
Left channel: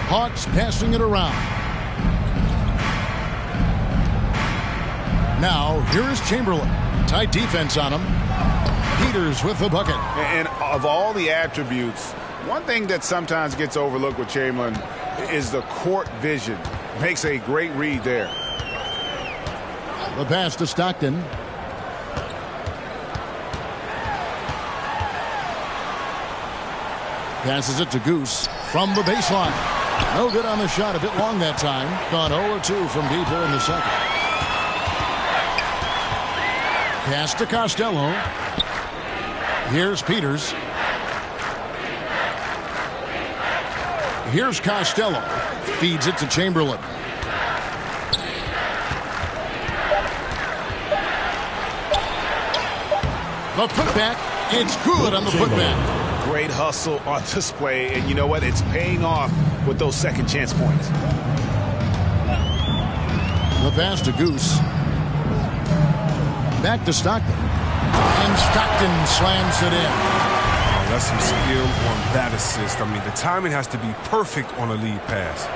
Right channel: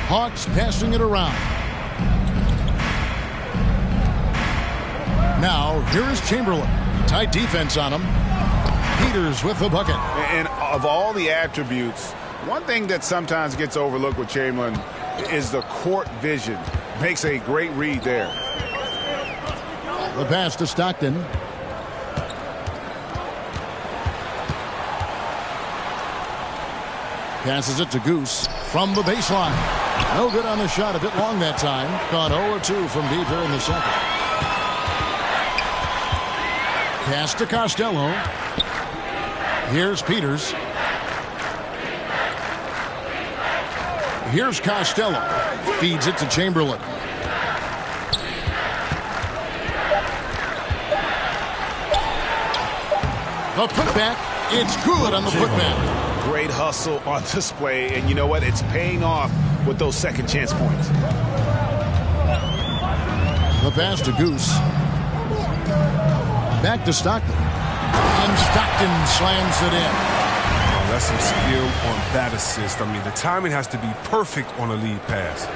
Hawks passing it around. Now, here is Chamberlain. Tight defense on him. Peters with the bucket. And of all the attributes, one thing that sometimes gets overlooked with Chamberlain is the court vision. Makes a great read there. The pass to Stockton. Passes it to Goose from the baseline. No good on the shot. A bit long that time. Gone 0-2 from deep here in the second. Pass to Costello. Here's Peters. Here's Costello. Feeds it to Chamberlain. The putback. It's good on the putback. Great hustle on display, and you know what? It's paying off with those second chance points. The pass to Goose. Back to Stockton. And Stockton slams it in. Oh, that's some skill on that assist. I mean, the timing has to be perfect on a lead pass.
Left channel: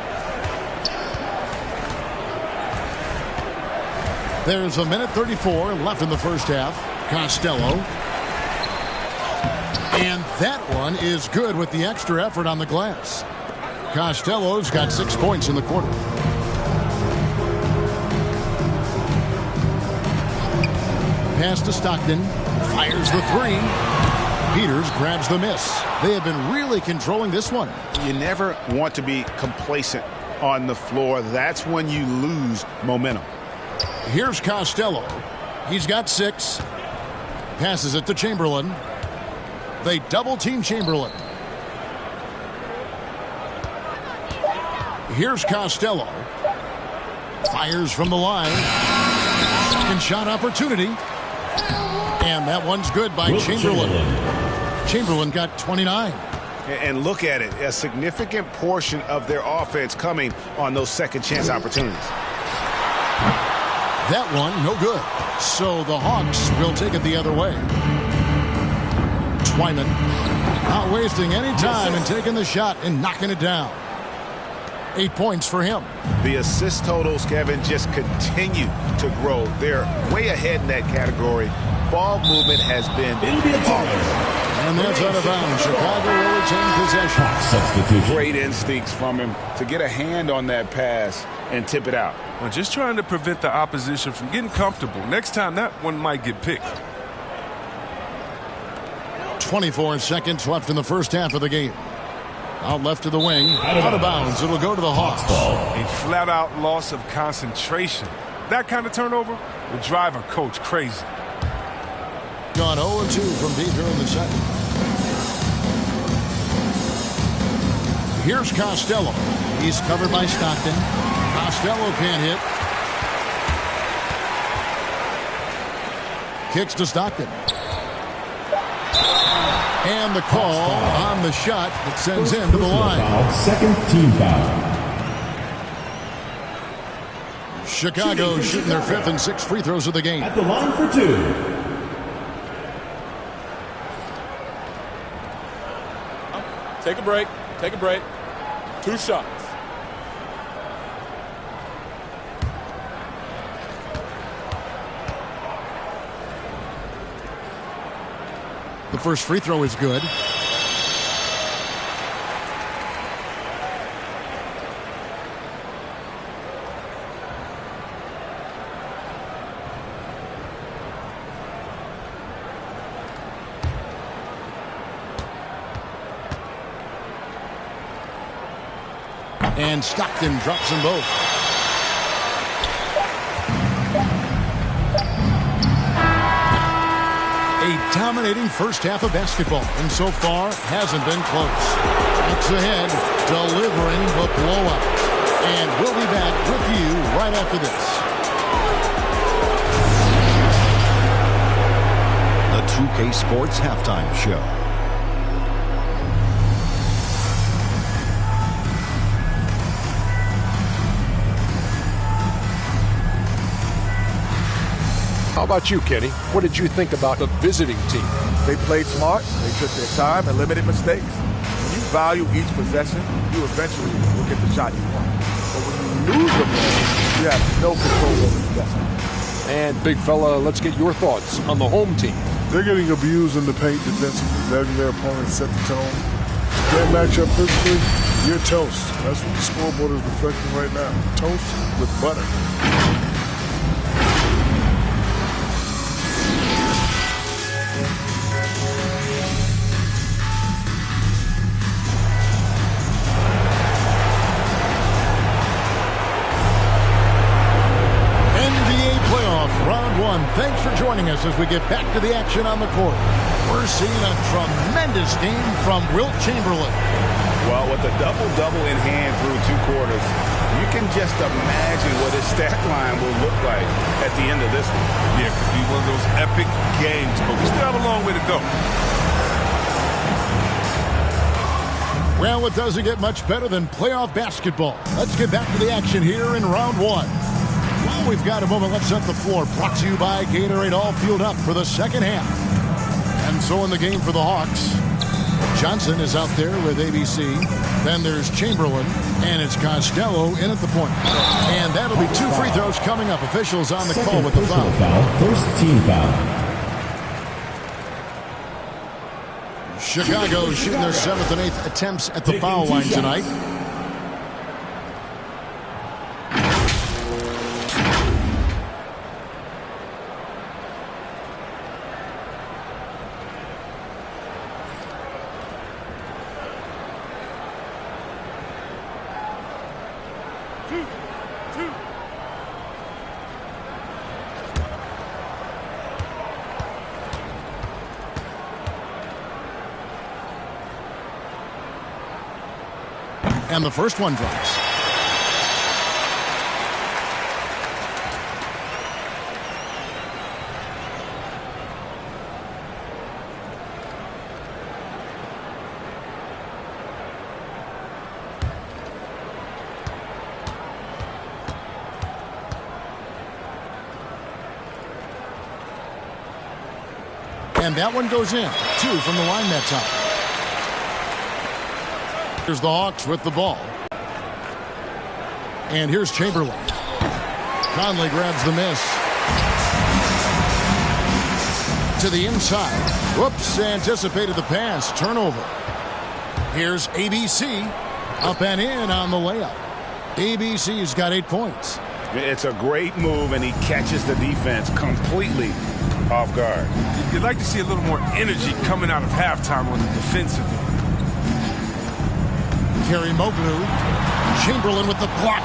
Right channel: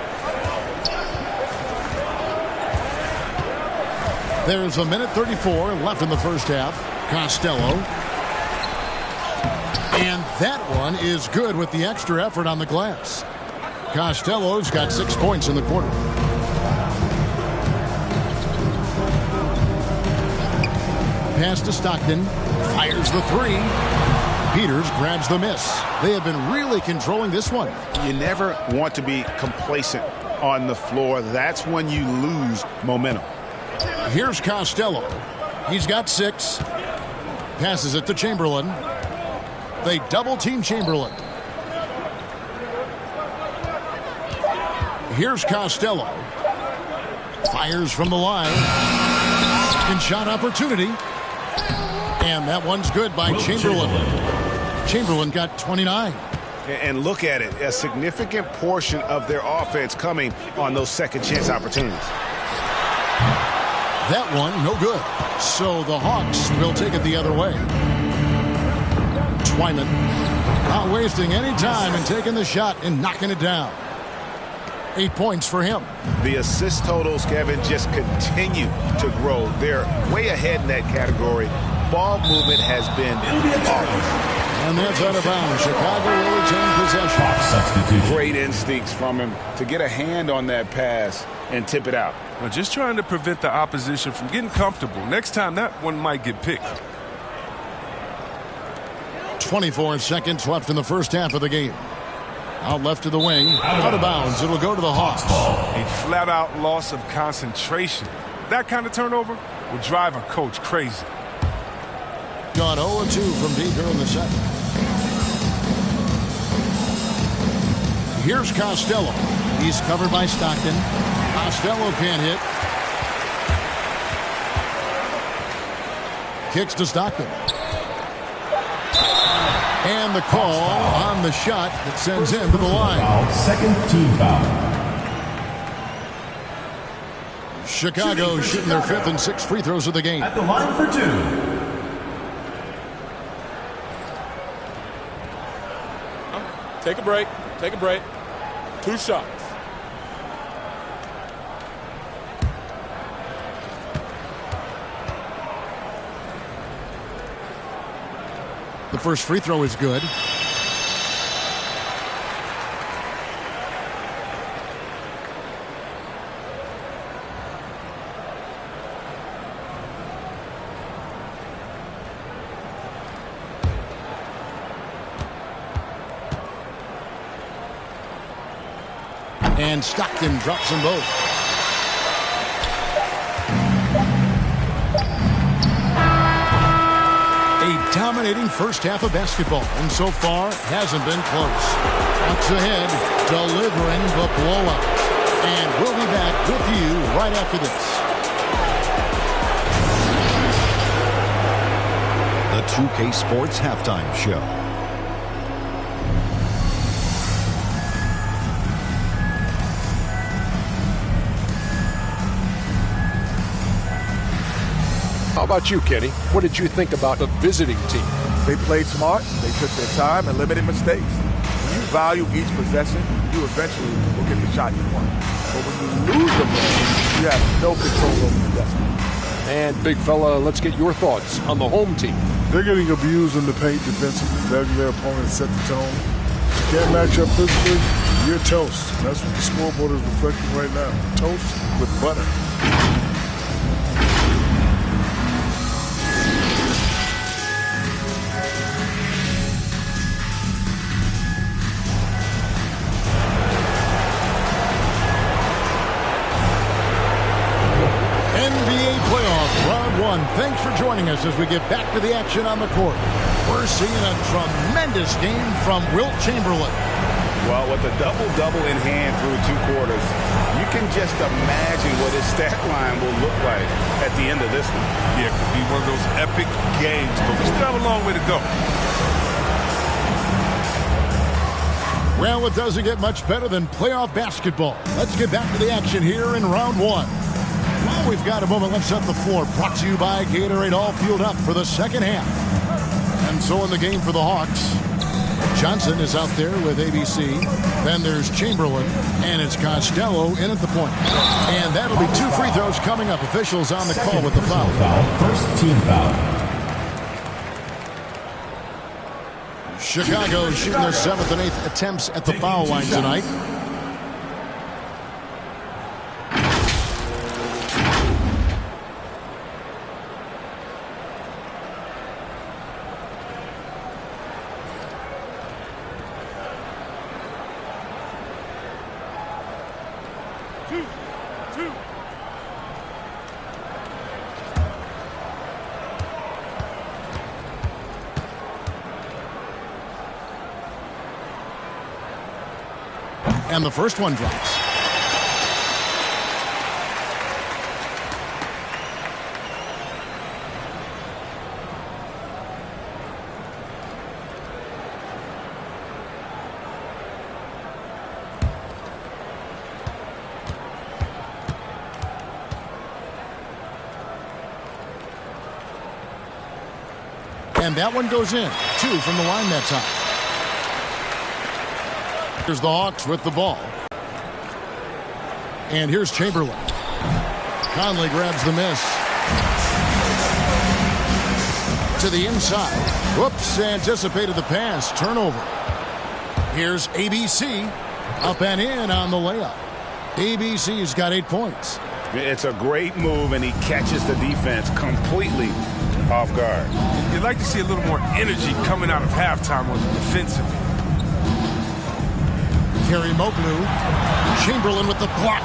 There's 1:34 left in the first half. Costello. And that one is good with the extra effort on the glass. Costello's got 6 points in the quarter. Pass to Stockton. Fires the 3. Peters grabs the miss. They have been really controlling this one. You never want to be complacent on the floor. That's when you lose momentum. Here's Costello. He's got 6. Passes it to Chamberlain. They double-team Chamberlain. Here's Costello. Fires from the line. Second shot opportunity. And that one's good by Chamberlain. Chamberlain got 29. And look at it. A significant portion of their offense coming on those second chance opportunities. That one, no good. So the Hawks will take it the other way. Twyman not wasting any time and taking the shot and knocking it down. 8 points for him. The assist totals, Kevin, just continue to grow. They're way ahead in that category. Ball movement has been flawless. And that's out of bounds. Chicago will retain possession. Substitution. Great instincts from him to get a hand on that pass and tip it out. Now, just trying to prevent the opposition from getting comfortable. Next time, that one might get picked. 24 seconds left in the first half of the game. Out left to the wing. Out of bounds. It'll go to the Hawks. A flat-out loss of concentration. That kind of turnover will drive a coach crazy. Gone 0-2 from deep here in the second. Here's Costello. He's covered by Stockton. Costello can't hit. Kicks to Stockton. And the call on the shot that sends him to the line. Foul, second team foul. Chicago shooting their 5th and 6th free throws of the game. At the line for 2. Take a break. Take a break. 2 shots. The first free throw is good. And Stockton drops them both. A dominating first half of basketball, and so far hasn't been close. Bucks ahead, delivering the blowout. And we'll be back with you right after this. The 2K Sports Halftime Show. How about you, Kenny? What did you think about the visiting team? They played smart, they took their time, and limited mistakes. When you value each possession, you eventually will get the shot you want. But when you lose the ball, you have no control over the destiny. And, big fella, let's get your thoughts on the home team. They're getting abused in the paint defensively, letting their opponents set the tone. If you can't match up physically, you're toast. That's what the scoreboard is reflecting right now. Toast with butter. NBA playoff round one. Thanks for joining us as we get back to the action on the court. We're seeing a tremendous game from Wilt Chamberlain. Well, with a double-double in hand through 2 quarters, you can just imagine what his stat line will look like at the end of this one. Yeah, it could be one of those epic games, but we still have a long way to go. Well, it doesn't get much better than playoff basketball. Let's get back to the action here in round one. While we've got a moment, let's set the floor. Brought to you by Gatorade, all fueled up for the second half. And so in the game for the Hawks, Johnson is out there with ABC. Then there's Chamberlain, and it's Costello in at the point. And that'll be 2 free throws coming up. Officials on the call with the foul. First team foul. Chicago shooting their 7th and 8th attempts at the foul line tonight. And the first one drops. And that one goes in. 2 from the line that time. Here's the Hawks with the ball. And here's Chamberlain. Conley grabs the miss. To the inside. Whoops, anticipated the pass. Turnover. Here's ABC. Up and in on the layup. ABC's got 8 points. It's a great move, and he catches the defense completely off guard. You'd like to see a little more energy coming out of halftime on the defensive end. Kerry Moglu. Chamberlain with the block.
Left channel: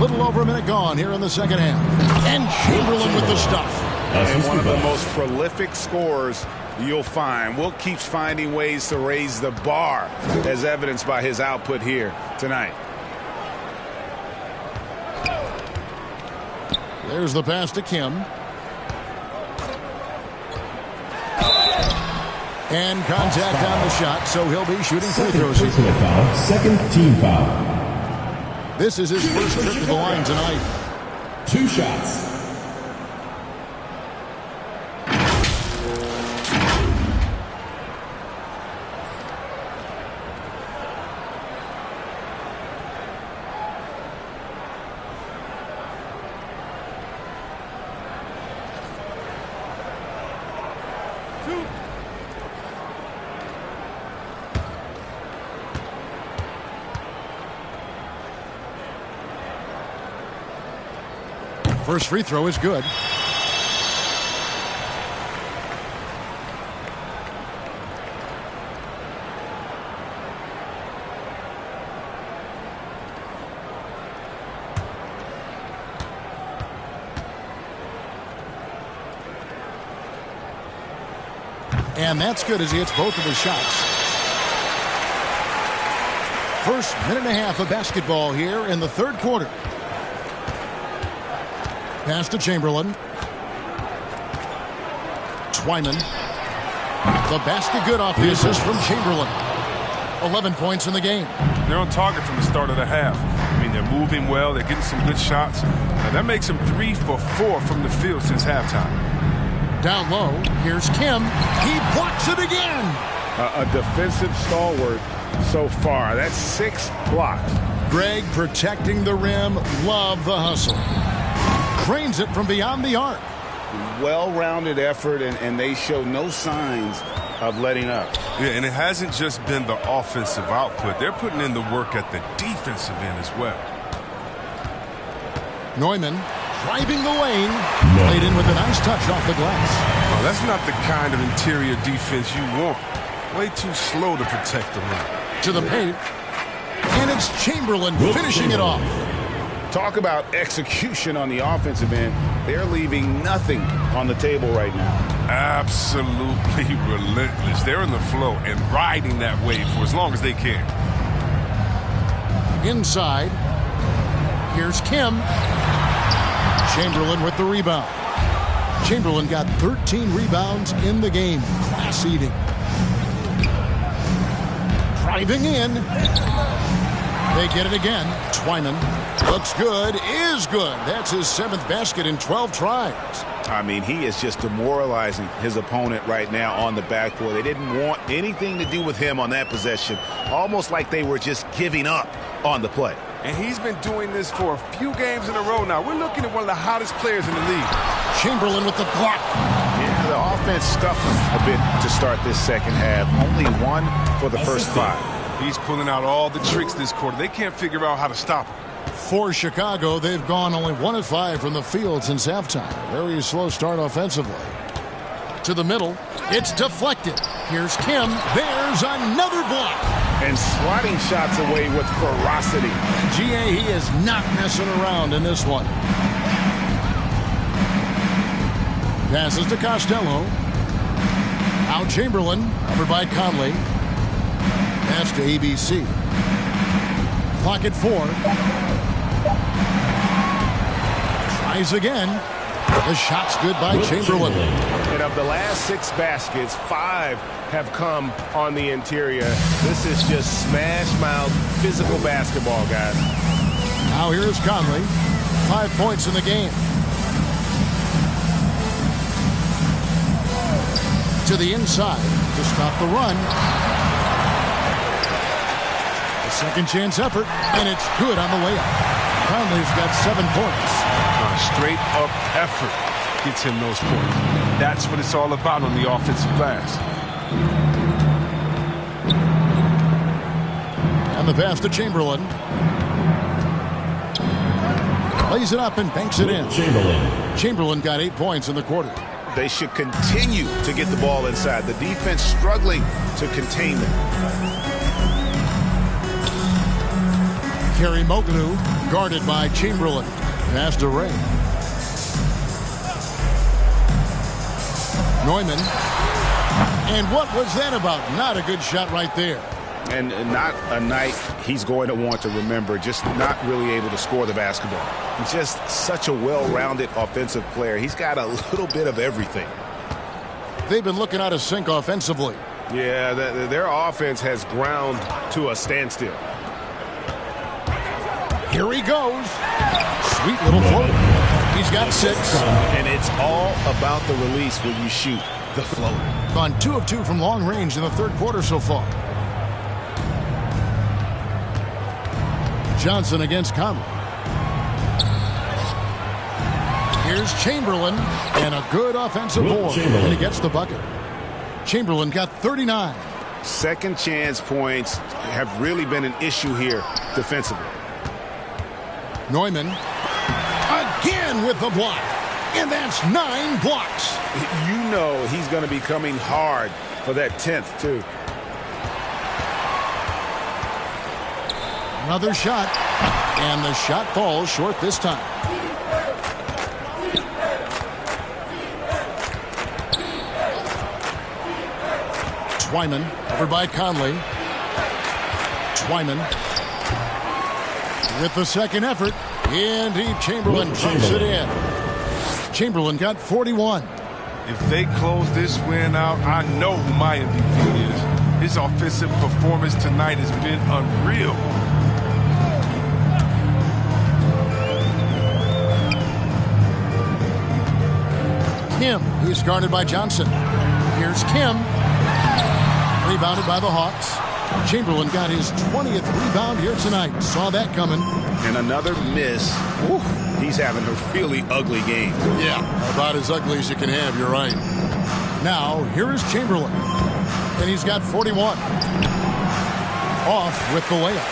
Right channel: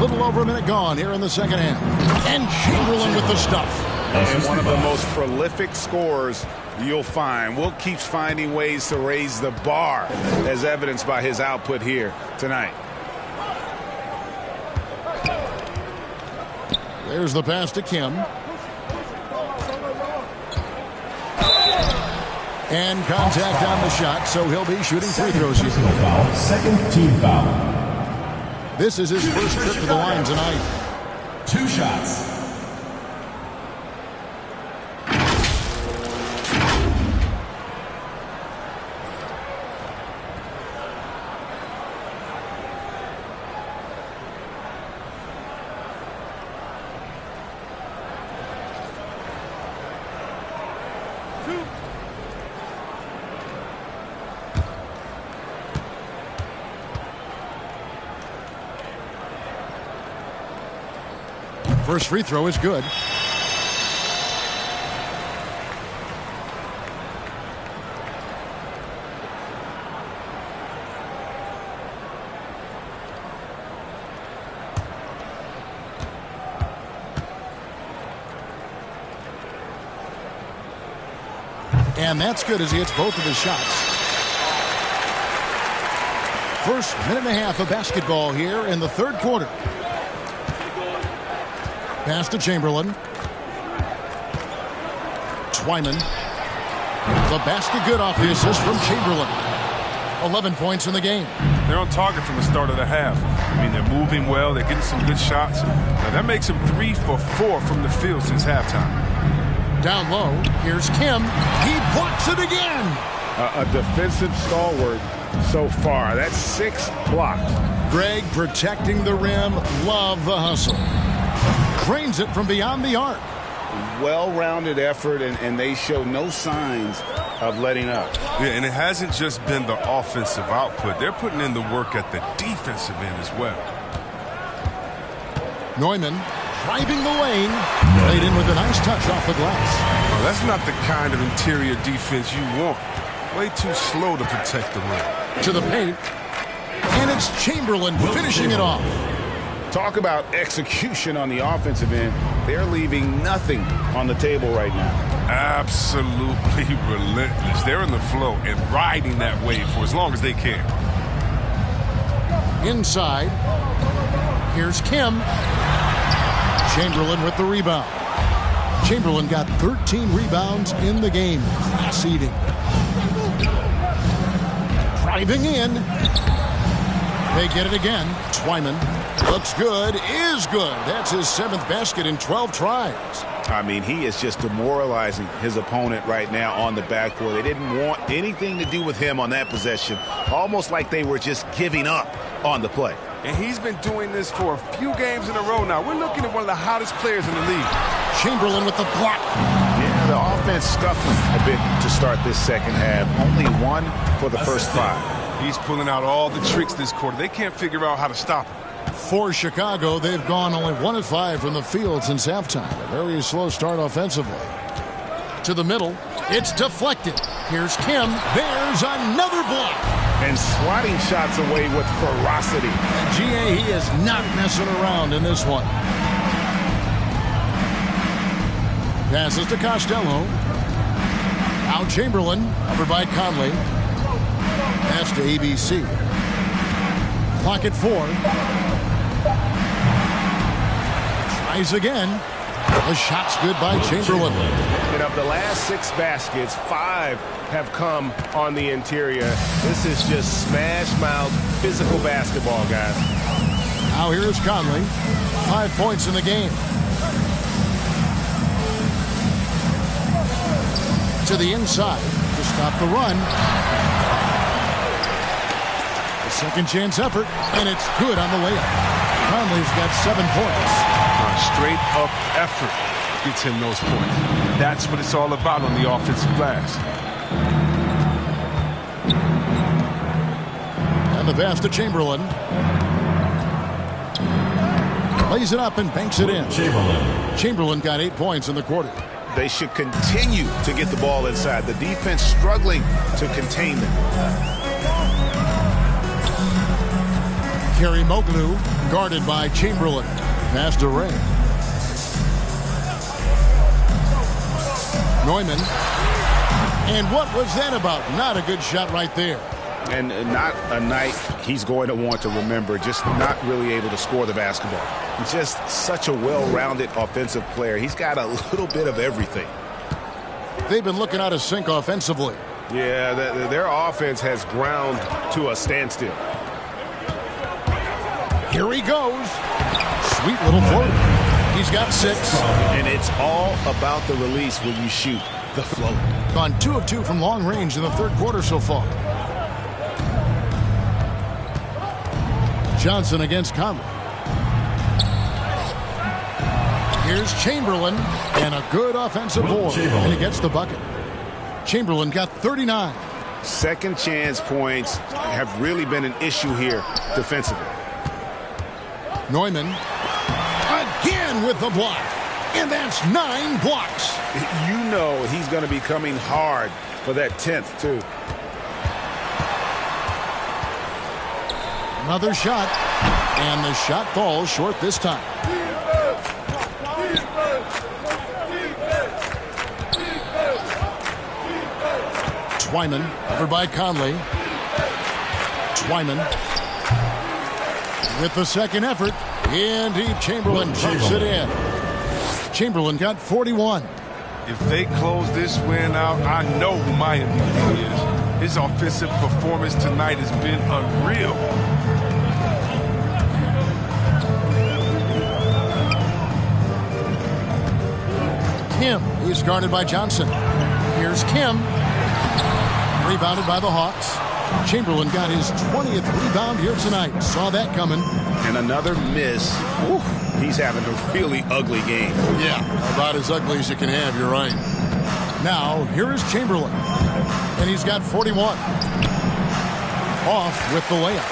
Little over a minute gone here in the second half. And Chamberlain with the stuff. And one of the most prolific scorers you'll find. Wilt keeps finding ways to raise the bar, as evidenced by his output here tonight. There's the pass to Kim. And contact on the shot, so he'll be shooting free throws. Foul. Second team foul. This is his first trip to the line tonight. 2 shots. First free throw is good. And that's good as he hits both of his shots. First minute and a half of basketball here in the third quarter. Pass to Chamberlain. Twyman. The basket good off the assist from Chamberlain. 11 points in the game. They're on target from the start of the half. I mean, they're moving well. They're getting some good shots. Now, that makes them 3 for 4 from the field since halftime. Down low, here's Kim. He blocks it again. A defensive stalwart so far. That's 6 blocks. Greg protecting the rim. Love the hustle. Cranes it from beyond the arc. Well-rounded effort, and they show no signs of letting up. Yeah, and it hasn't just been the offensive output. They're putting in the work at the defensive end as well. Neumann driving the lane. Played in with a nice touch off the glass. Oh, that's not the kind of interior defense you want. Way too slow to protect the rim. To the paint. And it's Chamberlain finishing it off. Talk about execution on the offensive end. They're leaving nothing on the table right now. Absolutely relentless. They're in the flow and riding that wave for as long as they can. Inside. Here's Kim. Chamberlain with the rebound. Chamberlain got 13 rebounds in the game. Class eating. Driving in. They get it again. Twyman. Looks good, is good. That's his 7th basket in 12 tries. I mean, he is just demoralizing his opponent right now on the backboard. They didn't want anything to do with him on that possession. Almost like they were just giving up on the play. And he's been doing this for a few games in a row now. We're looking at one of the hottest players in the league. Chamberlain with the block. Yeah, the offense scuffling a bit to start this second half. Only 1 for the first 5. He's pulling out all the tricks this quarter. They can't figure out how to stop him. For Chicago, they've gone only 1 of 5 from the field since halftime. A very slow start offensively. To the middle, it's deflected. Here's Kim. There's another block. And swatting shots away with ferocity. GA, he is not messing around in this one. Passes to Costello. Now Chamberlain, covered by Conley. Pass to ABC. Clock at 4. Tries again. The shot's good by Chamberlain. And of the last 6 baskets, 5 have come on the interior. This is just smash-mouth physical basketball, guys. Now here's Conley. 5 points in the game. To the inside to stop the run. A second chance effort, and it's good on the layup. Conley's got 7 points. Straight up effort gets him those points. That's what it's all about on the offensive glass. And the pass to Chamberlain. Lays it up and banks it in. Chamberlain got 8 points in the quarter. They should continue to get the ball inside. The defense struggling to contain them. Kerry Moglu guarded by Chamberlain. Pass to Ray. Neumann. And what was that about? Not a good shot right there. And not a night he's going to want to remember. Just not really able to score the basketball. Just such a well-rounded offensive player. He's got a little bit of everything. They've been looking out of sync offensively. Yeah, their offense has ground to a standstill. Here he goes. Sweet little floater. He's got 6. And it's all about the release when you shoot the floater. Gone 2 of 2 from long range in the third quarter so far. Johnson against Conley. Here's Chamberlain, and a good offensive board, and he gets the bucket. Chamberlain got 39. Second chance points have really been an issue here defensively. Neumann again with the block, and that's 9 blocks. You know he's going to be coming hard for that 10th, too. Another shot, and the shot falls short this time. Twyman covered by Conley. Twyman with the second effort. Indeed, Chamberlain drops it in. Chamberlain got 41. If they close this win out, I know who my MVP is. His offensive performance tonight has been unreal. Kim, he's guarded by Johnson. Here's Kim. Rebounded by the Hawks. Chamberlain got his 20th rebound here tonight. Saw that coming. And another miss. Ooh, he's having a really ugly game. Yeah, about as ugly as you can have, you're right. Now, here is Chamberlain. And he's got 41. Off with the layup.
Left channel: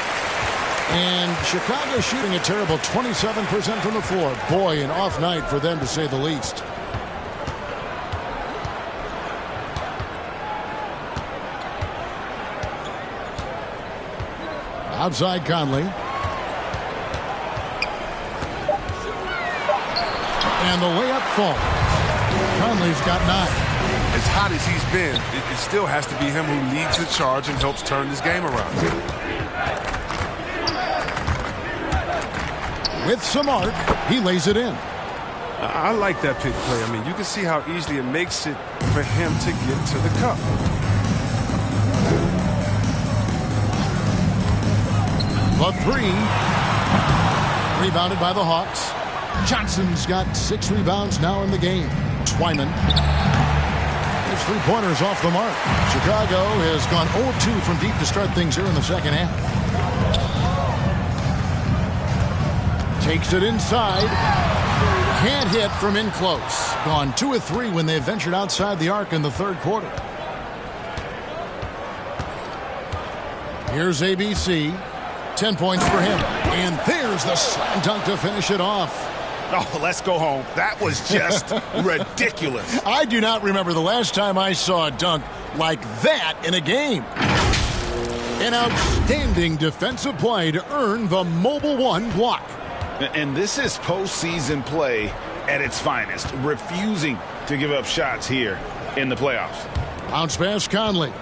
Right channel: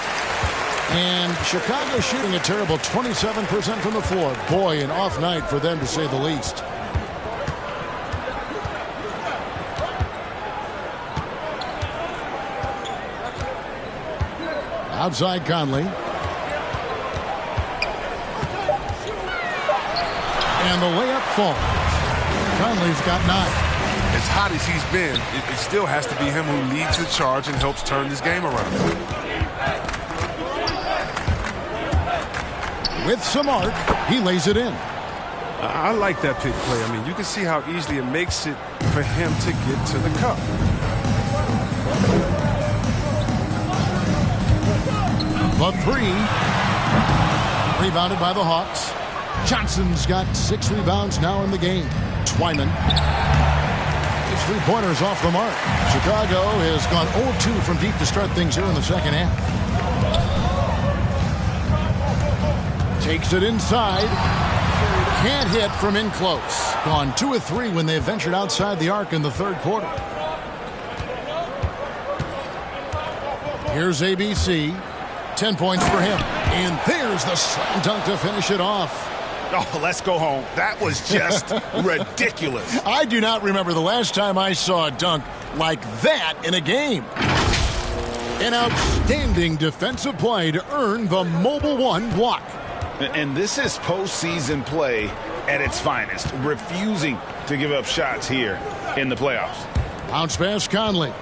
And Chicago shooting a terrible 27% from the floor. Boy, an off night for them to say the least. Outside Conley. And the layup falls. Conley's got 9. As hot as he's been, it still has to be him who leads the charge and helps turn this game around. With some arc, he lays it in. I like that pick play. I mean, you can see how easily it makes it for him to get to the cup. The 3. Rebounded by the Hawks. Johnson's got 6 rebounds now in the game. Twyman. His 3-pointers off the mark. Chicago has gone 0-2 from deep to start things here in the second half. Takes it inside. Can't hit from in close. Gone 2 of 3 when they ventured outside the arc in the third quarter. Here's ABC. 10 points for him. And there's the slam dunk to finish it off. Oh, let's go home. That was just ridiculous. I do not remember the last time I saw a dunk like that in a game. An outstanding defensive play to earn the Mobile One block. And this is postseason play at its finest, refusing to give up shots here in the playoffs. Bounce pass Conley.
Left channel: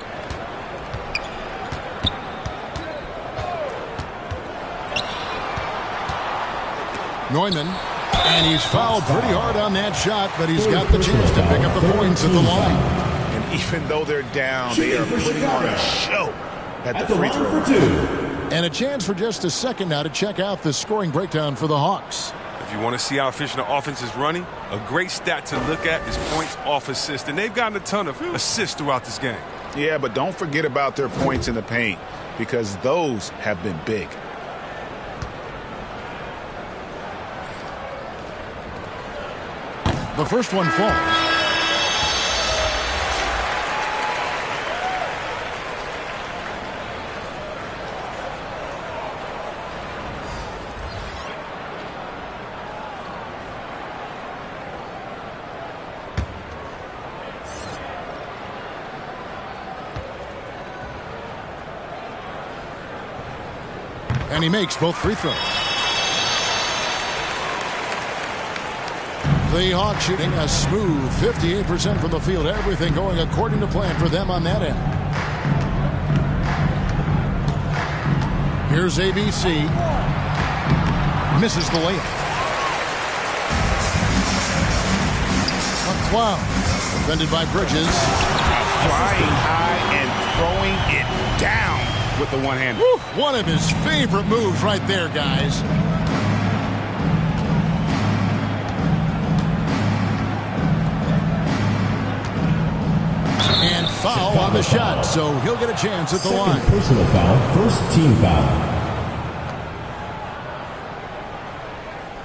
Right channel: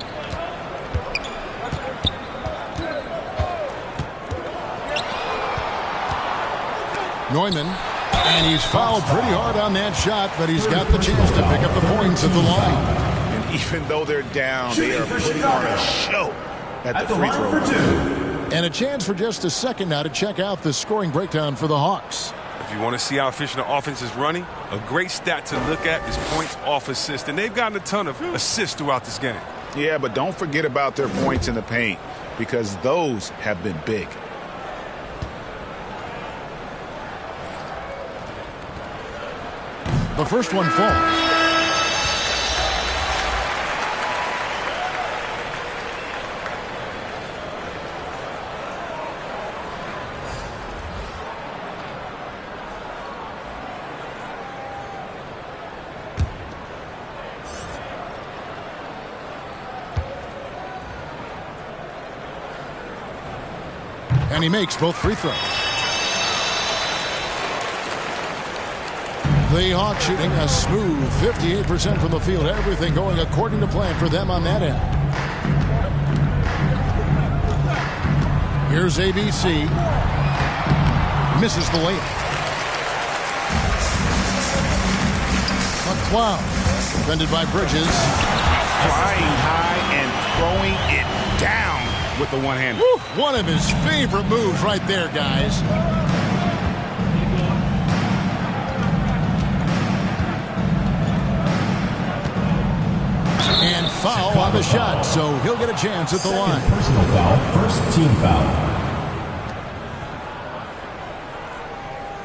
Neumann, and he's fouled pretty hard on that shot, but he's got the chance to pick up the points at the line. And even though they're down, they are putting on a show at the free throw line. And a chance for just a second now to check out the scoring breakdown for the Hawks. If you want to see how efficient the offense is running, a great stat to look at is points off assist. And they've gotten a ton of assists throughout this game. Yeah, but don't forget about their points in the paint, because those have been big. The first one falls. And he makes both free throws. The Hawks shooting a smooth 58% from the field. Everything going according to plan for them on that end. Here's ABC. Misses the layup. McCloud. Defended by Bridges. Now flying high and throwing it down with the one-hander. One of his favorite moves right there, guys. And foul on the shot, so he'll get a chance at the line. Personal foul, first team foul.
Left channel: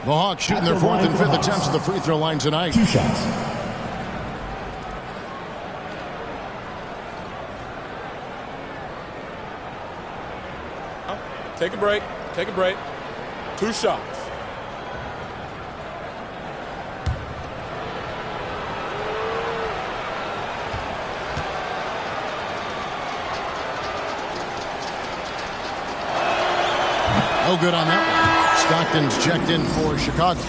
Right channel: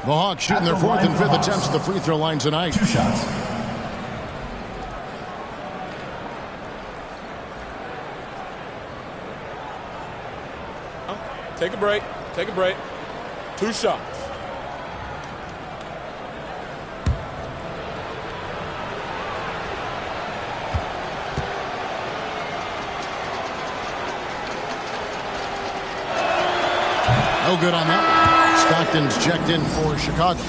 The Hawks shooting their fourth and fifth attempts at the free throw line tonight. 2 shots. Take a break. Take a break. 2 shots. No good on that one. Stockton's checked in for Chicago.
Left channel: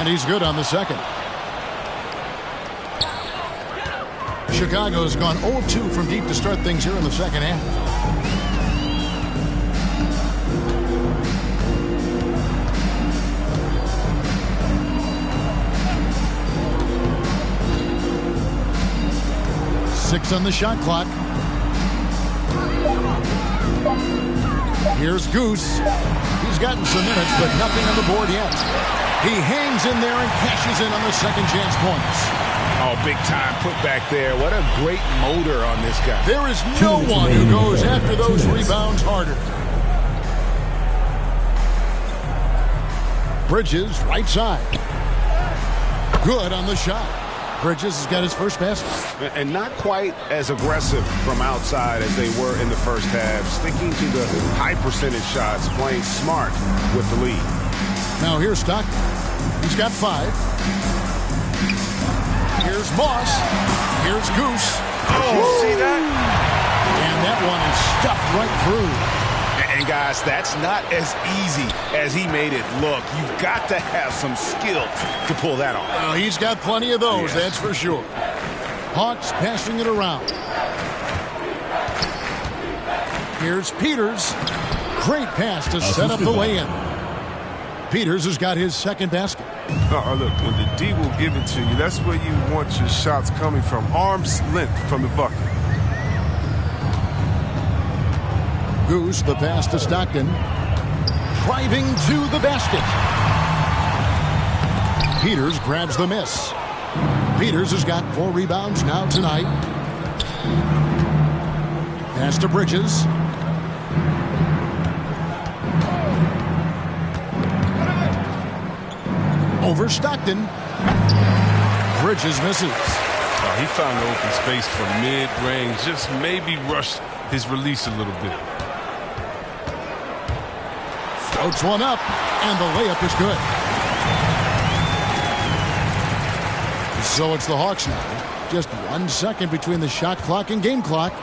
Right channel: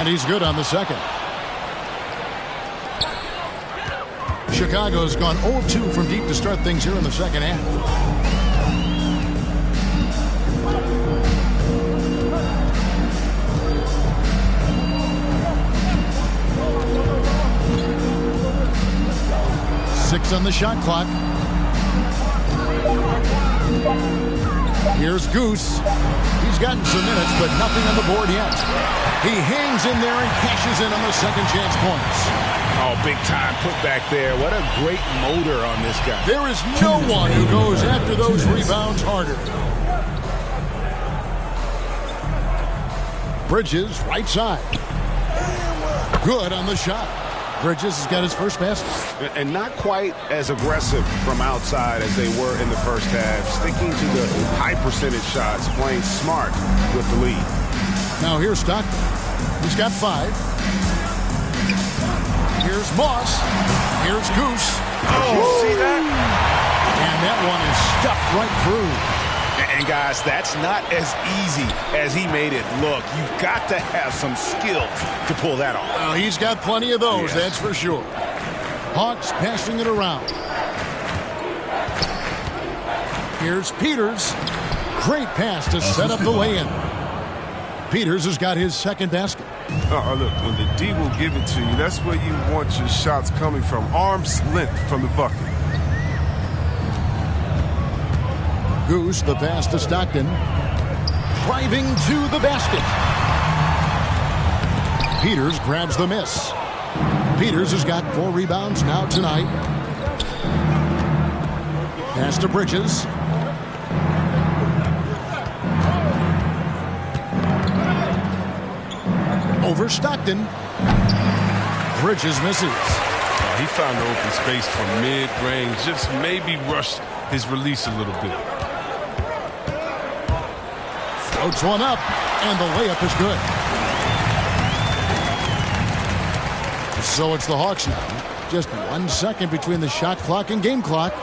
And he's good on the second. Chicago's gone 0 of 2 from deep to start things here in the second half. Six on the shot clock. Here's Goose. He's gotten some minutes, but nothing on the board yet. He hangs in there and cashes in on the second chance points. Oh, big time put back there. What a great motor on this guy. There is no one who goes after those rebounds harder. Bridges, right side. Good on the shot. Bridges has got his first basket. And not quite as aggressive from outside as they were in the first half. Sticking to the high percentage shots, playing smart with the lead. Now here's Stockton. He's got 5. Here's Moss. Here's Goose. Oh, you see that? And that one is stuffed right through. And guys, that's not as easy as he made it look. You've got to have some skill to pull that off. Well, he's got plenty of those, that's for sure. Hawks passing it around. Here's Peters. Great pass to set up the lay-in. Peters has got his second basket. Oh, look, when the D will give it to you, that's where you want your shots coming from. Arm's length from the bucket. Goose, the pass to Stockton. Driving to the basket. Peters grabs the miss. Peters has got 4 rebounds now tonight. Pass to Bridges. Over Stockton. Bridges misses. Oh, he found the open space for mid-range. Just maybe rush his release a little bit. Floats one up, and the layup is good. So it's the Hawks now. Just 1 second between the shot clock and game clock.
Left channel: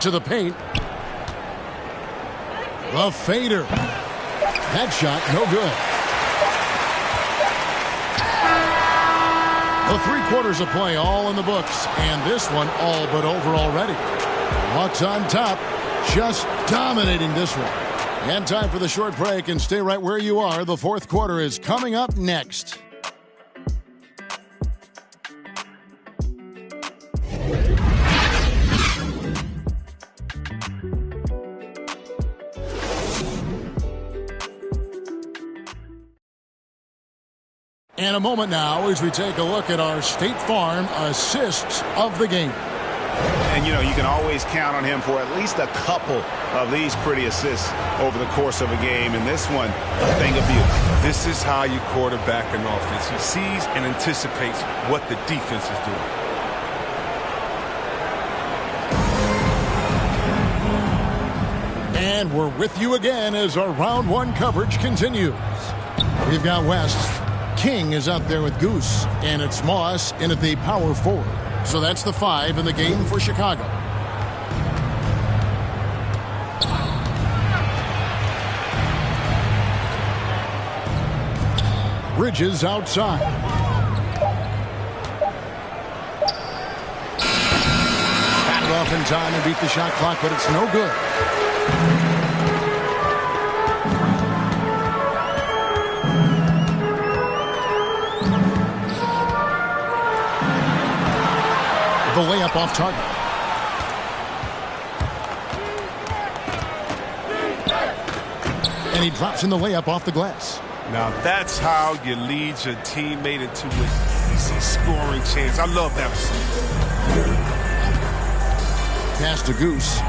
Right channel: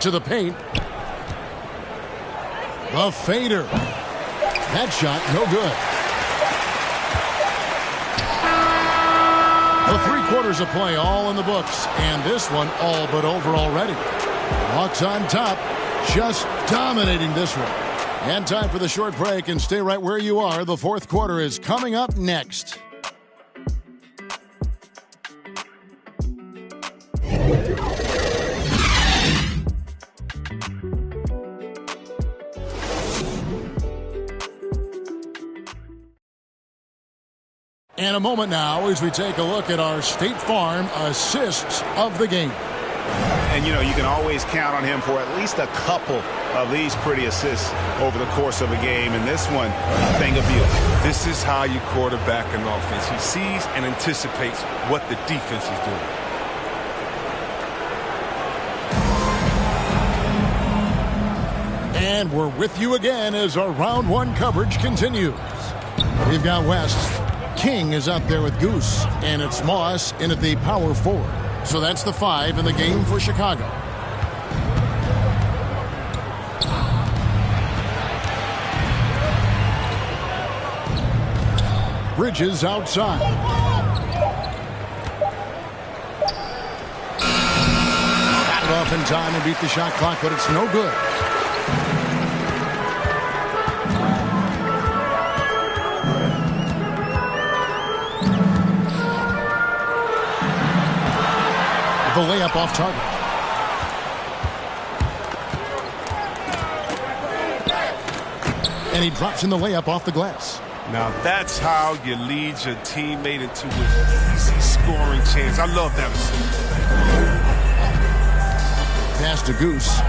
To the paint. The fader. That shot, no good. The 3 quarters of play all in the books, and this one all but over already. Hawks on top, just dominating this one. And time for the short break, and stay right where you are. The 4th quarter is coming up next. And a moment now as we take a look at our State Farm assists of the game. And, you know, you can always count on him for at least a couple of these pretty assists over the course of a game. And this one, a thing of beauty. This is how you quarterback an offense. He sees and anticipates what the defense is doing. And we're with you again as our round 1 coverage continues. We've got West. King is out there with Goose, and it's Moss in at the power forward. So that's the 5 in the game for Chicago. Bridges outside. Got it off in time and beat the shot clock, but it's no good. The layup off target. And he drops in the layup off the glass. Now that's how you lead your teammate into an easy scoring chance. I love that assist. Pass to Goose.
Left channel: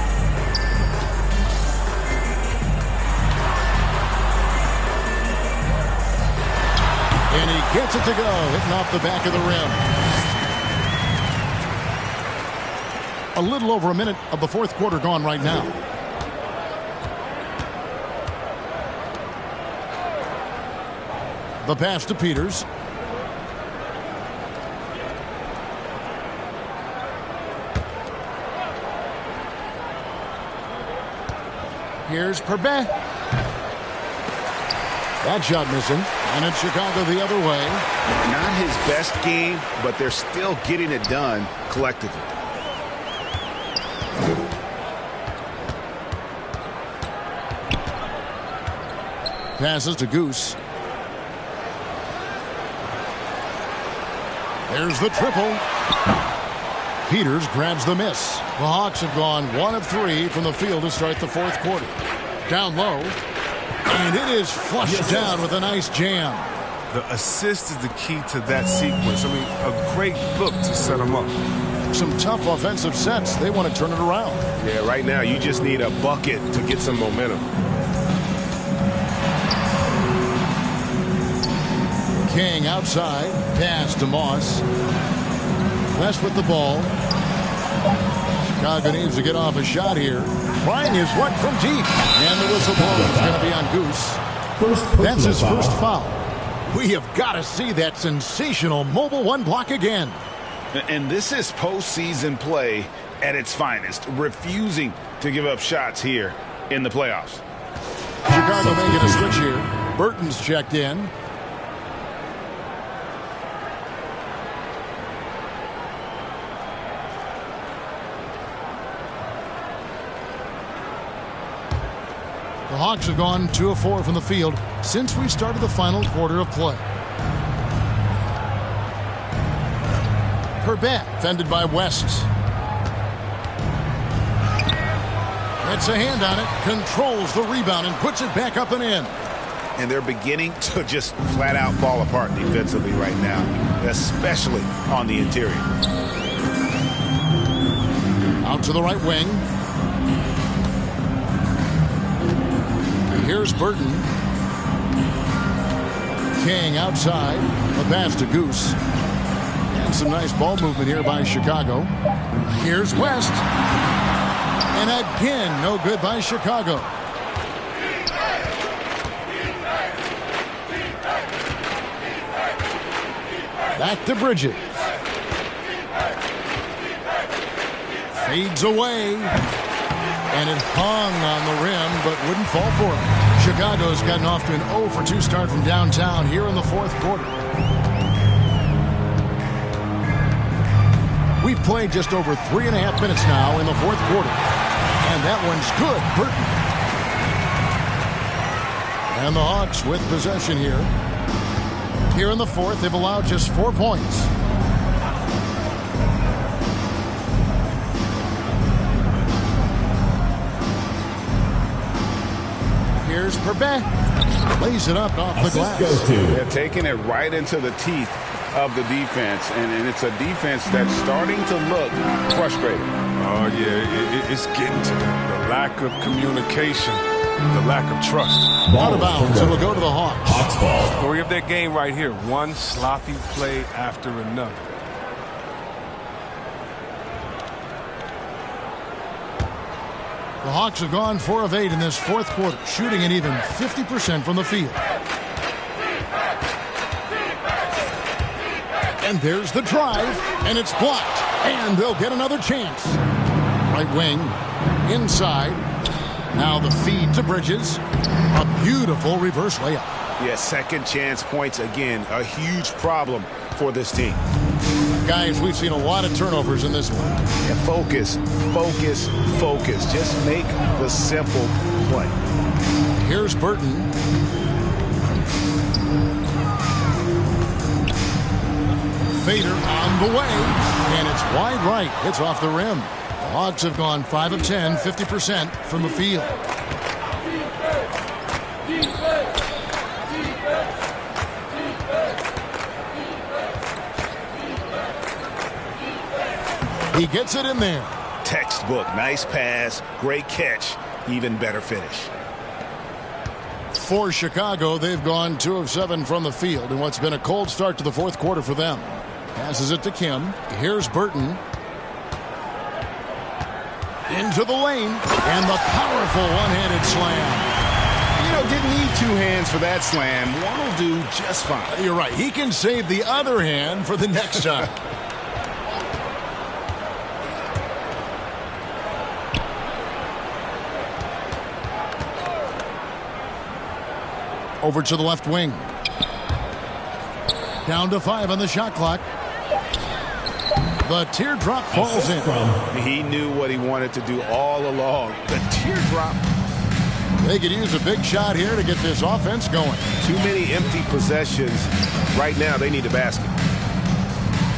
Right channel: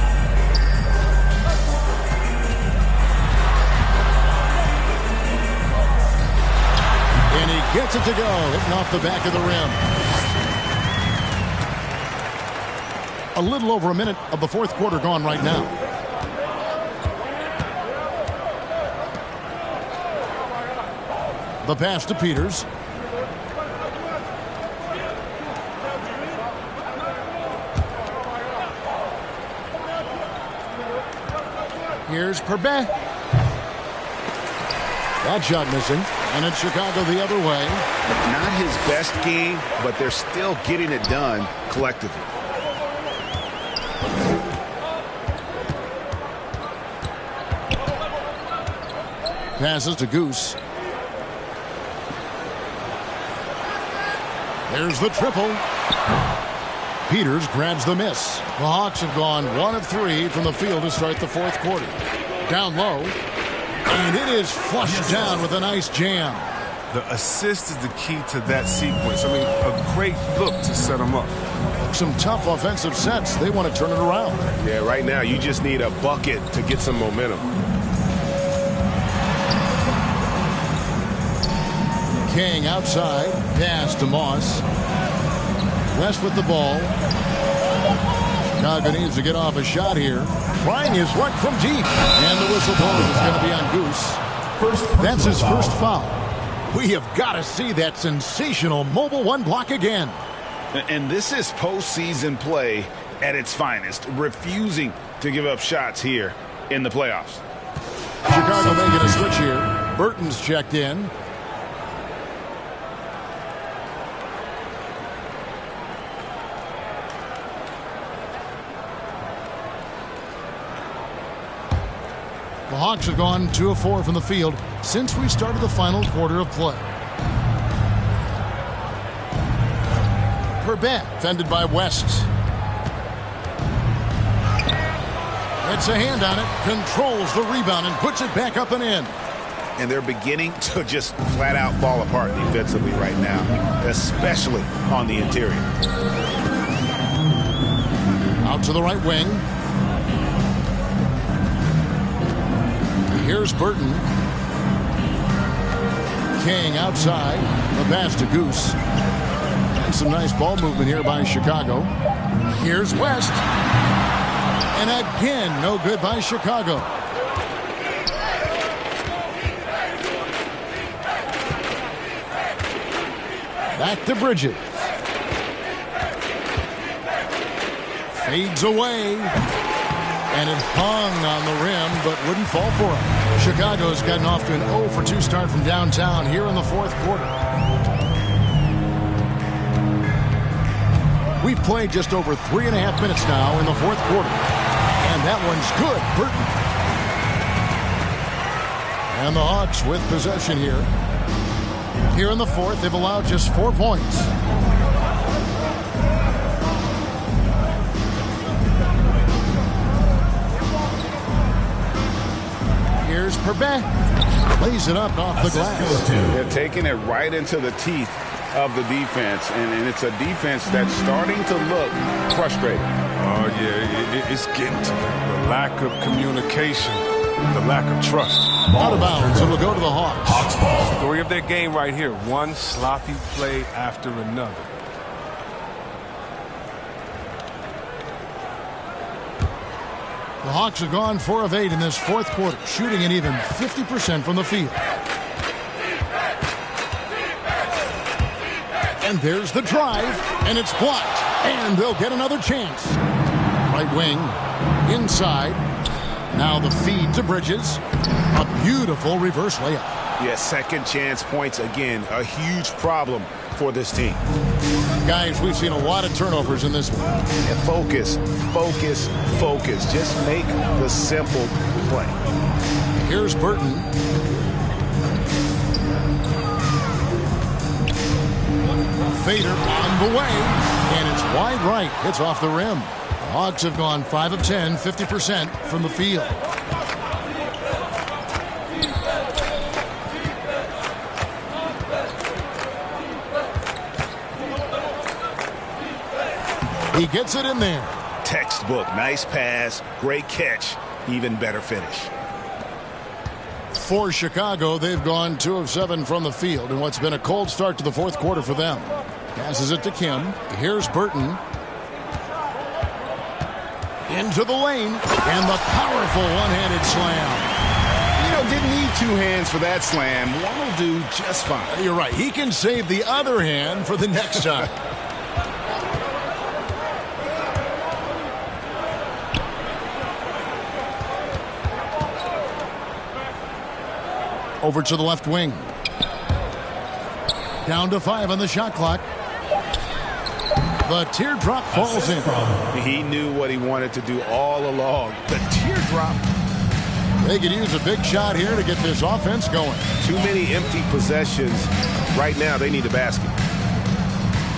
And he gets it to go, hitting off the back of the rim. A little over a minute of the 4th quarter gone right now. The pass to Peters. Here's Perbet. That shot missing. And it's Chicago the other way. Not his best game, but they're still getting it done collectively. Passes to Goose. There's the triple. Peters grabs the miss. The Hawks have gone 1 of 3 from the field to start the fourth quarter. Down low. And it is flushed down with a nice jam. The assist is the key to that sequence. I mean, a great look to set them up. Some tough offensive sets. They want to turn it around. Yeah, right now you just need a bucket to get some momentum. King outside. Pass to Moss. West with the ball. Chicago needs to get off a shot here. Trying his luck from deep. And the whistle blows. It's going to be on Goose. That's his first foul. We have got to see that sensational mobile one block again. And this is postseason play at its finest. Refusing to give up shots here in the playoffs. Chicago making a switch here. Burton's checked in. The Hawks have gone 2 of 4 from the field since we started the final quarter of play. Perbet, fended by West. Gets a hand on it, controls the rebound, and puts it back up and in. And they're beginning to just flat out fall apart defensively right now, especially on the interior. Out to the right wing. Here's Burton. King outside. The pass to Goose. And some nice ball movement here by Chicago. Here's West. And again, no good by Chicago. Back to Bridges. Fades away. And it hung on the rim, but wouldn't fall for him. Chicago's gotten off to an 0 for 2 start from downtown here in the fourth quarter. We've played just over 3.5 minutes now in the fourth quarter. And that one's good. Burton. And the Hawks with possession here. Here in the fourth, they've allowed just 4 points. Here's Perbet. Lays it up off the glass. They're taking it right into the teeth of the defense, and it's a defense that's starting to look frustrated. Oh, yeah, it's getting to them. The lack of communication, the lack of trust. Out of bounds, it'll go to the Hawks. Hawks ball. Story of their game right here. One sloppy play after another. The Hawks have gone 4 of 8 in this fourth quarter, shooting an even 50% from the field. And there's the drive, and it's blocked. And they'll get another chance. Right wing, inside. Now the feed to Bridges. A beautiful reverse layup. Yeah, second chance points again. A huge problem for this team. Guys, we've seen a lot of turnovers in this one. Yeah, focus, focus, focus. Just make the simple play. Here's Burton. Fader on the way, and it's wide right. It's off the rim. The Hawks have gone 5 of 10, 50% from the field. He gets it in there. Textbook. Nice pass. Great catch. Even better finish. For Chicago, they've gone 2 of 7 from the field in what's been a cold start to the fourth quarter for them. Passes it to Kim. Here's Burton. Into the lane. And the powerful one-handed slam. You know, didn't need 2 hands for that slam. One will do just fine. You're right. He can save the other hand for the next time. Over to the left wing. Down to 5 on the shot clock. The teardrop falls in. He knew what he wanted to do all along. The teardrop. They could use a big shot here to get this offense going. Too many empty possessions. Right now, they need a basket.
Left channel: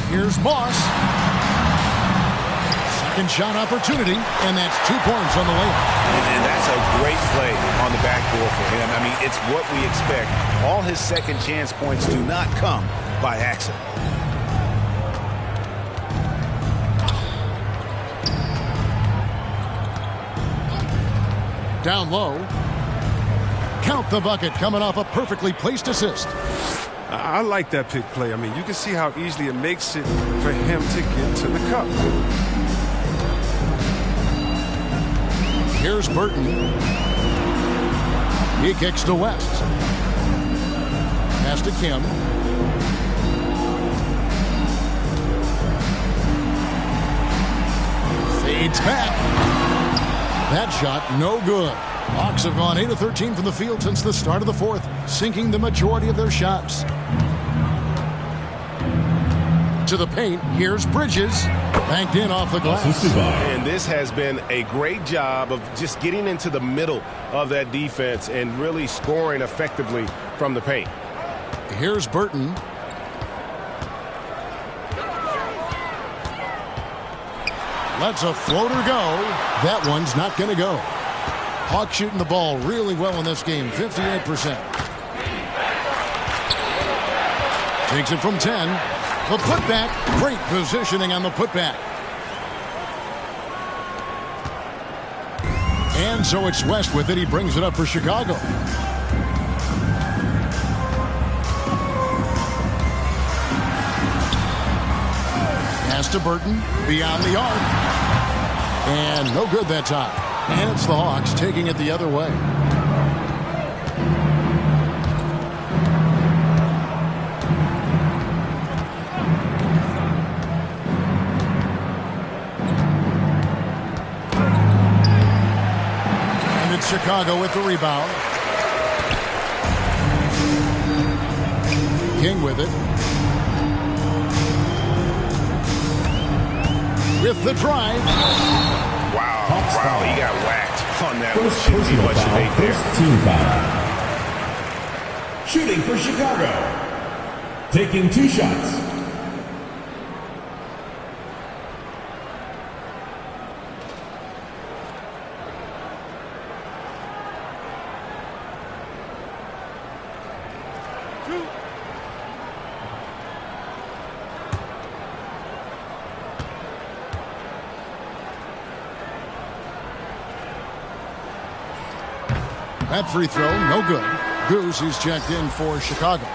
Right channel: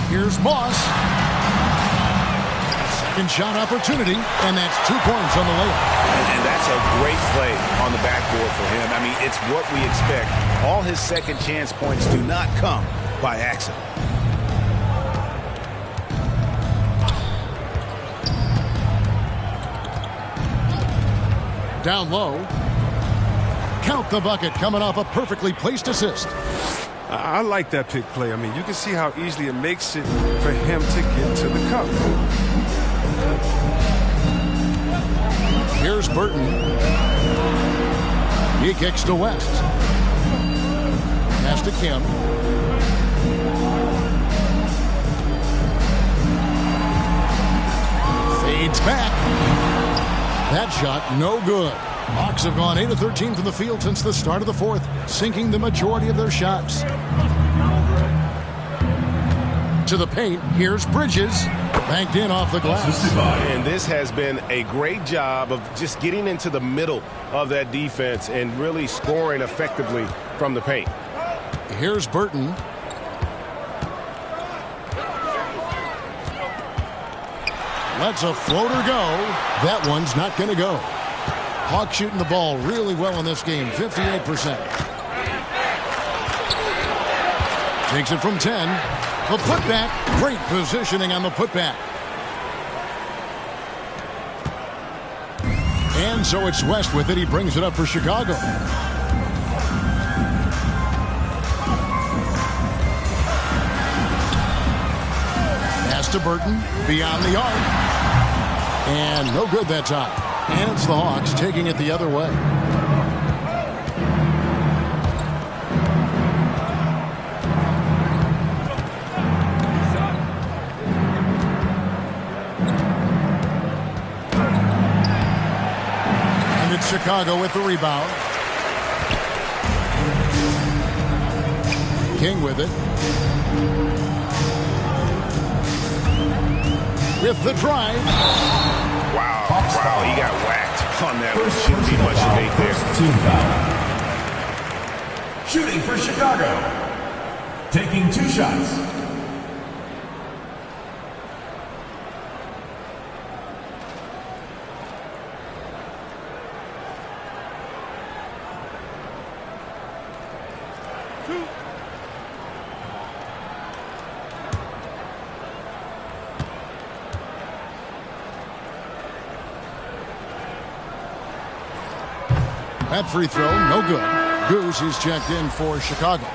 Here's Moss. Second shot opportunity, and that's 2 points on the layup. And that's a great play on the backboard for him. I mean, it's what we expect. All his second chance points do not come by accident. Down low. Count the bucket coming off a perfectly placed assist. I like that pick play. I mean, you can see how easily it makes it for him to get to the cup. Here's Burton. He kicks to West. Pass to Kim. Fades back. That shot, no good. Hawks have gone 8 of 13 from the field since the start of the fourth, sinking the majority of their shots. To the paint, here's Bridges. Banked in off the glass. And this has been a great job of just getting into the middle of that defense and really scoring effectively from the paint. Here's Burton. Lets a floater go. That one's not going to go. Hawks shooting the ball really well in this game, 58%. Takes it from 10. The putback, great positioning on the putback. And so it's West with it. He brings it up for Chicago. Pass to Burton, beyond the arc. And no good that time. And it's the Hawks taking it the other way. And it's Chicago with the rebound. King with it. With the drive. Wow, he got whacked on that one. Shouldn't be much debate there. Team foul. Shooting for Chicago. Taking 2 shots. That free throw, no good. Goose is checked in for Chicago.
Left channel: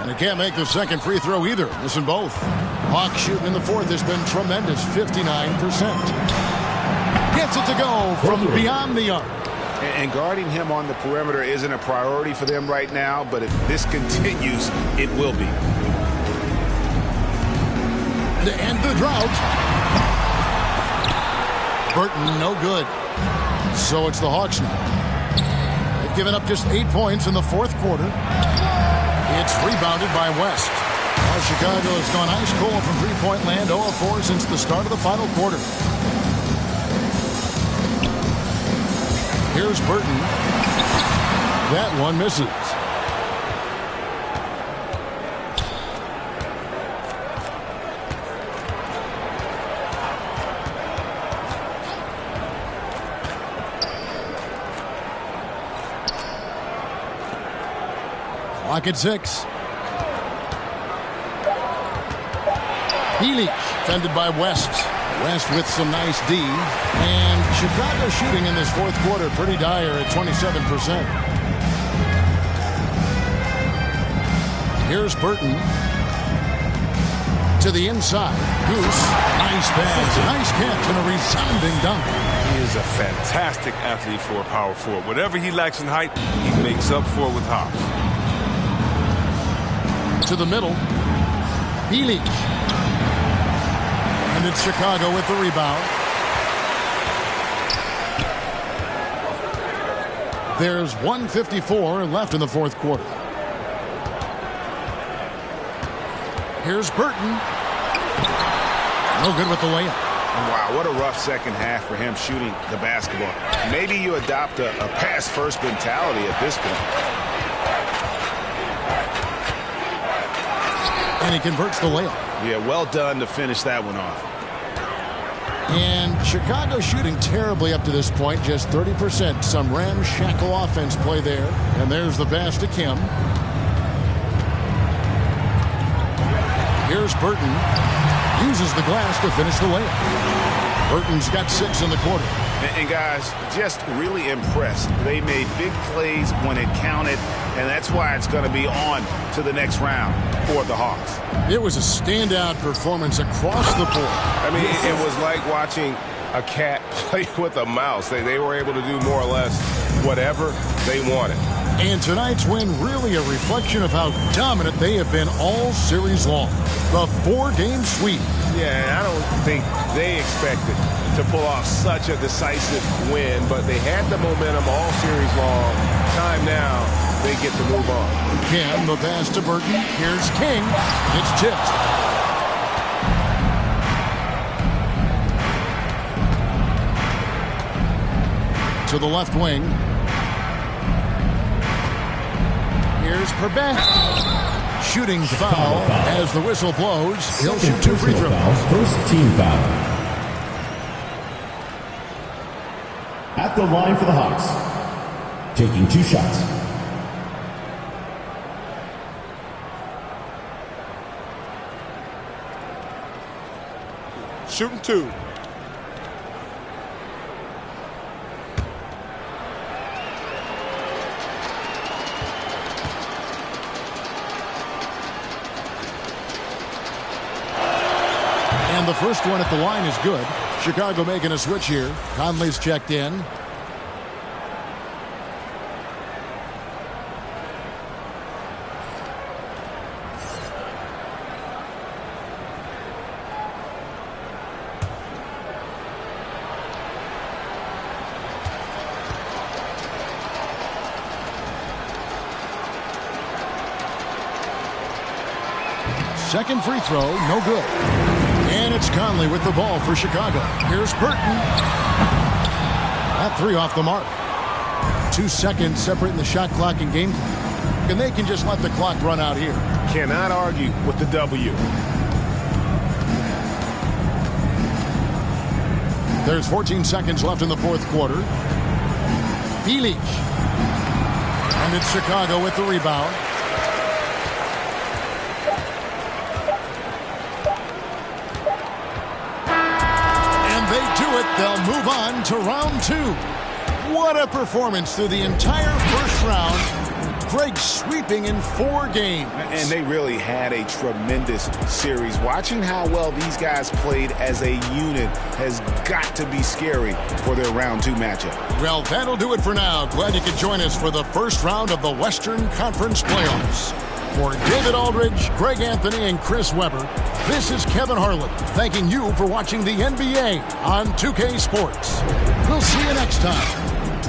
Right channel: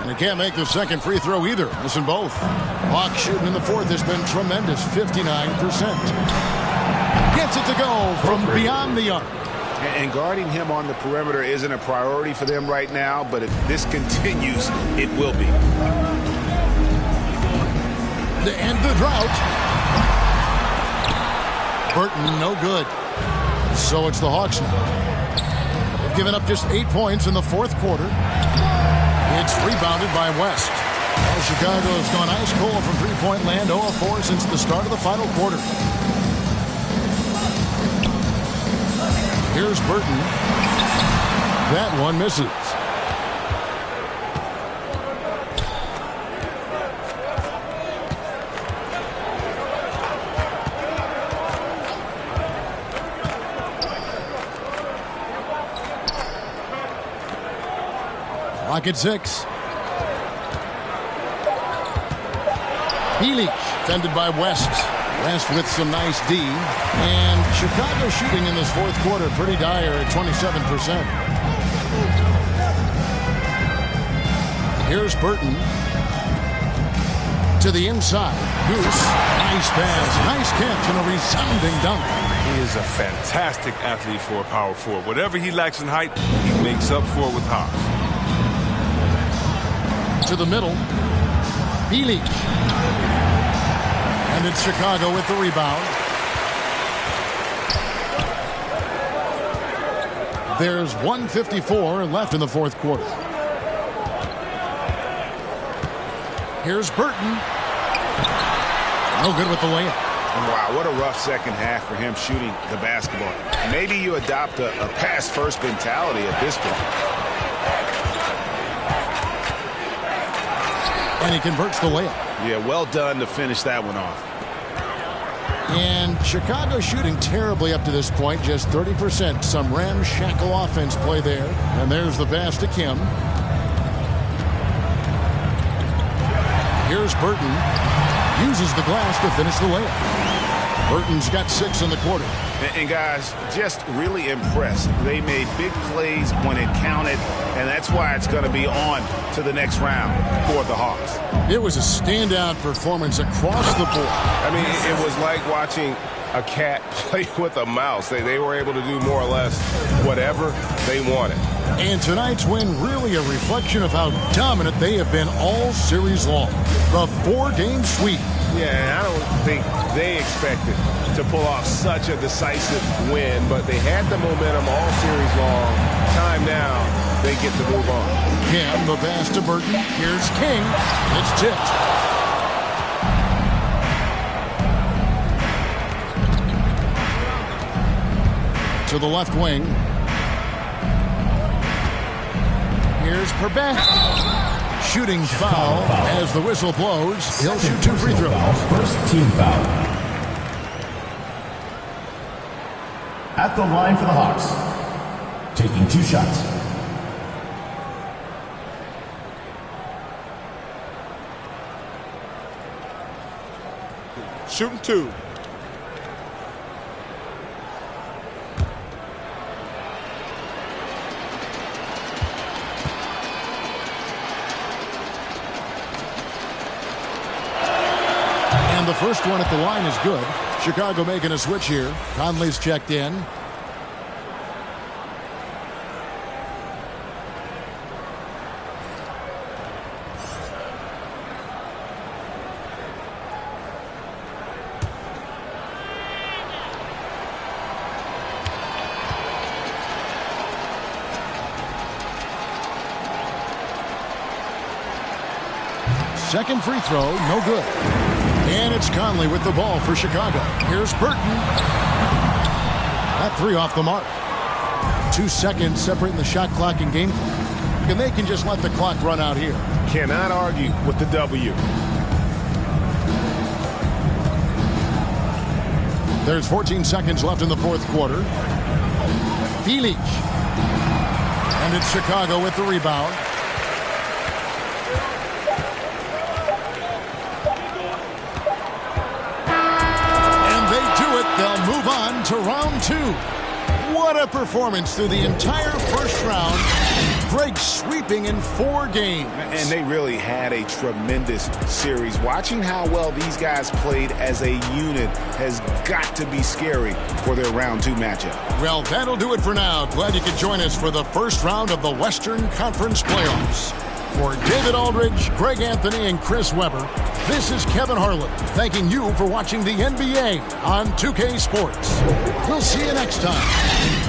And he can't make the second free throw either, missing both. Hawks shooting in the fourth has been tremendous, 59%. Gets it to go from beyond the arc. And guarding him on the perimeter isn't a priority for them right now, but if this continues, it will be. To end the drought. Burton, no good. So it's the Hawks now. They've given up just 8 points in the fourth quarter. It's rebounded by West. Well, Chicago has gone ice cold from three-point land, 0 of 4 since the start of the final quarter. Here's Burton. That one misses. Clock at 6. Healy, fended by West. West with some nice D. And Chicago shooting in this fourth quarter pretty dire at 27%. Here's Burton. To the inside. Goose. Nice pass. Nice catch and a resounding dunk. He is a fantastic athlete for a power forward. Whatever he lacks in height, he makes up for it with hops. To the middle. Bilic. And it's Chicago with the rebound. There's 1:54 left in the fourth quarter. Here's Burton. No good with the layup. Wow, what a rough second half for him shooting the basketball. Maybe you adopt a pass-first mentality at this point. And he converts the layup. Yeah, well done to finish that one off. And Chicago shooting terribly up to this point, just 30%. Some ramshackle offense play there. And there's the pass to Kim. Here's Burton. Uses the glass to finish the layup. Burton's got 6 in the quarter. And guys, just really impressed. They made big plays when it counted, and that's why it's going to be on to the next round for the Hawks. It was a standout performance across the board. I mean, it was like watching a cat play with a mouse. They were able to do more or less whatever they wanted. And tonight's win really a reflection of how dominant they have been all series long. The 4-game sweep. Yeah, I don't think they expected to pull off such a decisive win, but they had the momentum all series long. Time now, they get to move on. Kim, the pass to Burton. Here's King. It's tipped. To the left wing. Here's Perbet. Shooting foul as the whistle blows. He'll shoot 2 free throws. First team foul. At the line for the Hawks. Taking 2 shots. Shooting 2. And the first one at the line is good. Chicago making a switch here. Conley's checked in. Second free throw, no good. And it's Conley with the ball for Chicago. Here's Burton. That 3 off the mark. 2 seconds separating the shot clock and game clock. And they can just let the clock run out here. Cannot argue with the W. There's 14 seconds left in the fourth quarter. Bilic. And it's Chicago with the rebound. They do it. They'll move on to round 2. What a performance through the entire first round. Greg sweeping in 4 games. And they really had a tremendous series. Watching how well these guys played as a unit has got to be scary for their round 2 matchup. Well, that'll do it for now. Glad you could join us for the first round of the Western Conference playoffs. For David Aldridge, Greg Anthony, and Chris Webber, this is Kevin Harlan thanking you for watching the NBA on 2K Sports. We'll see you next time.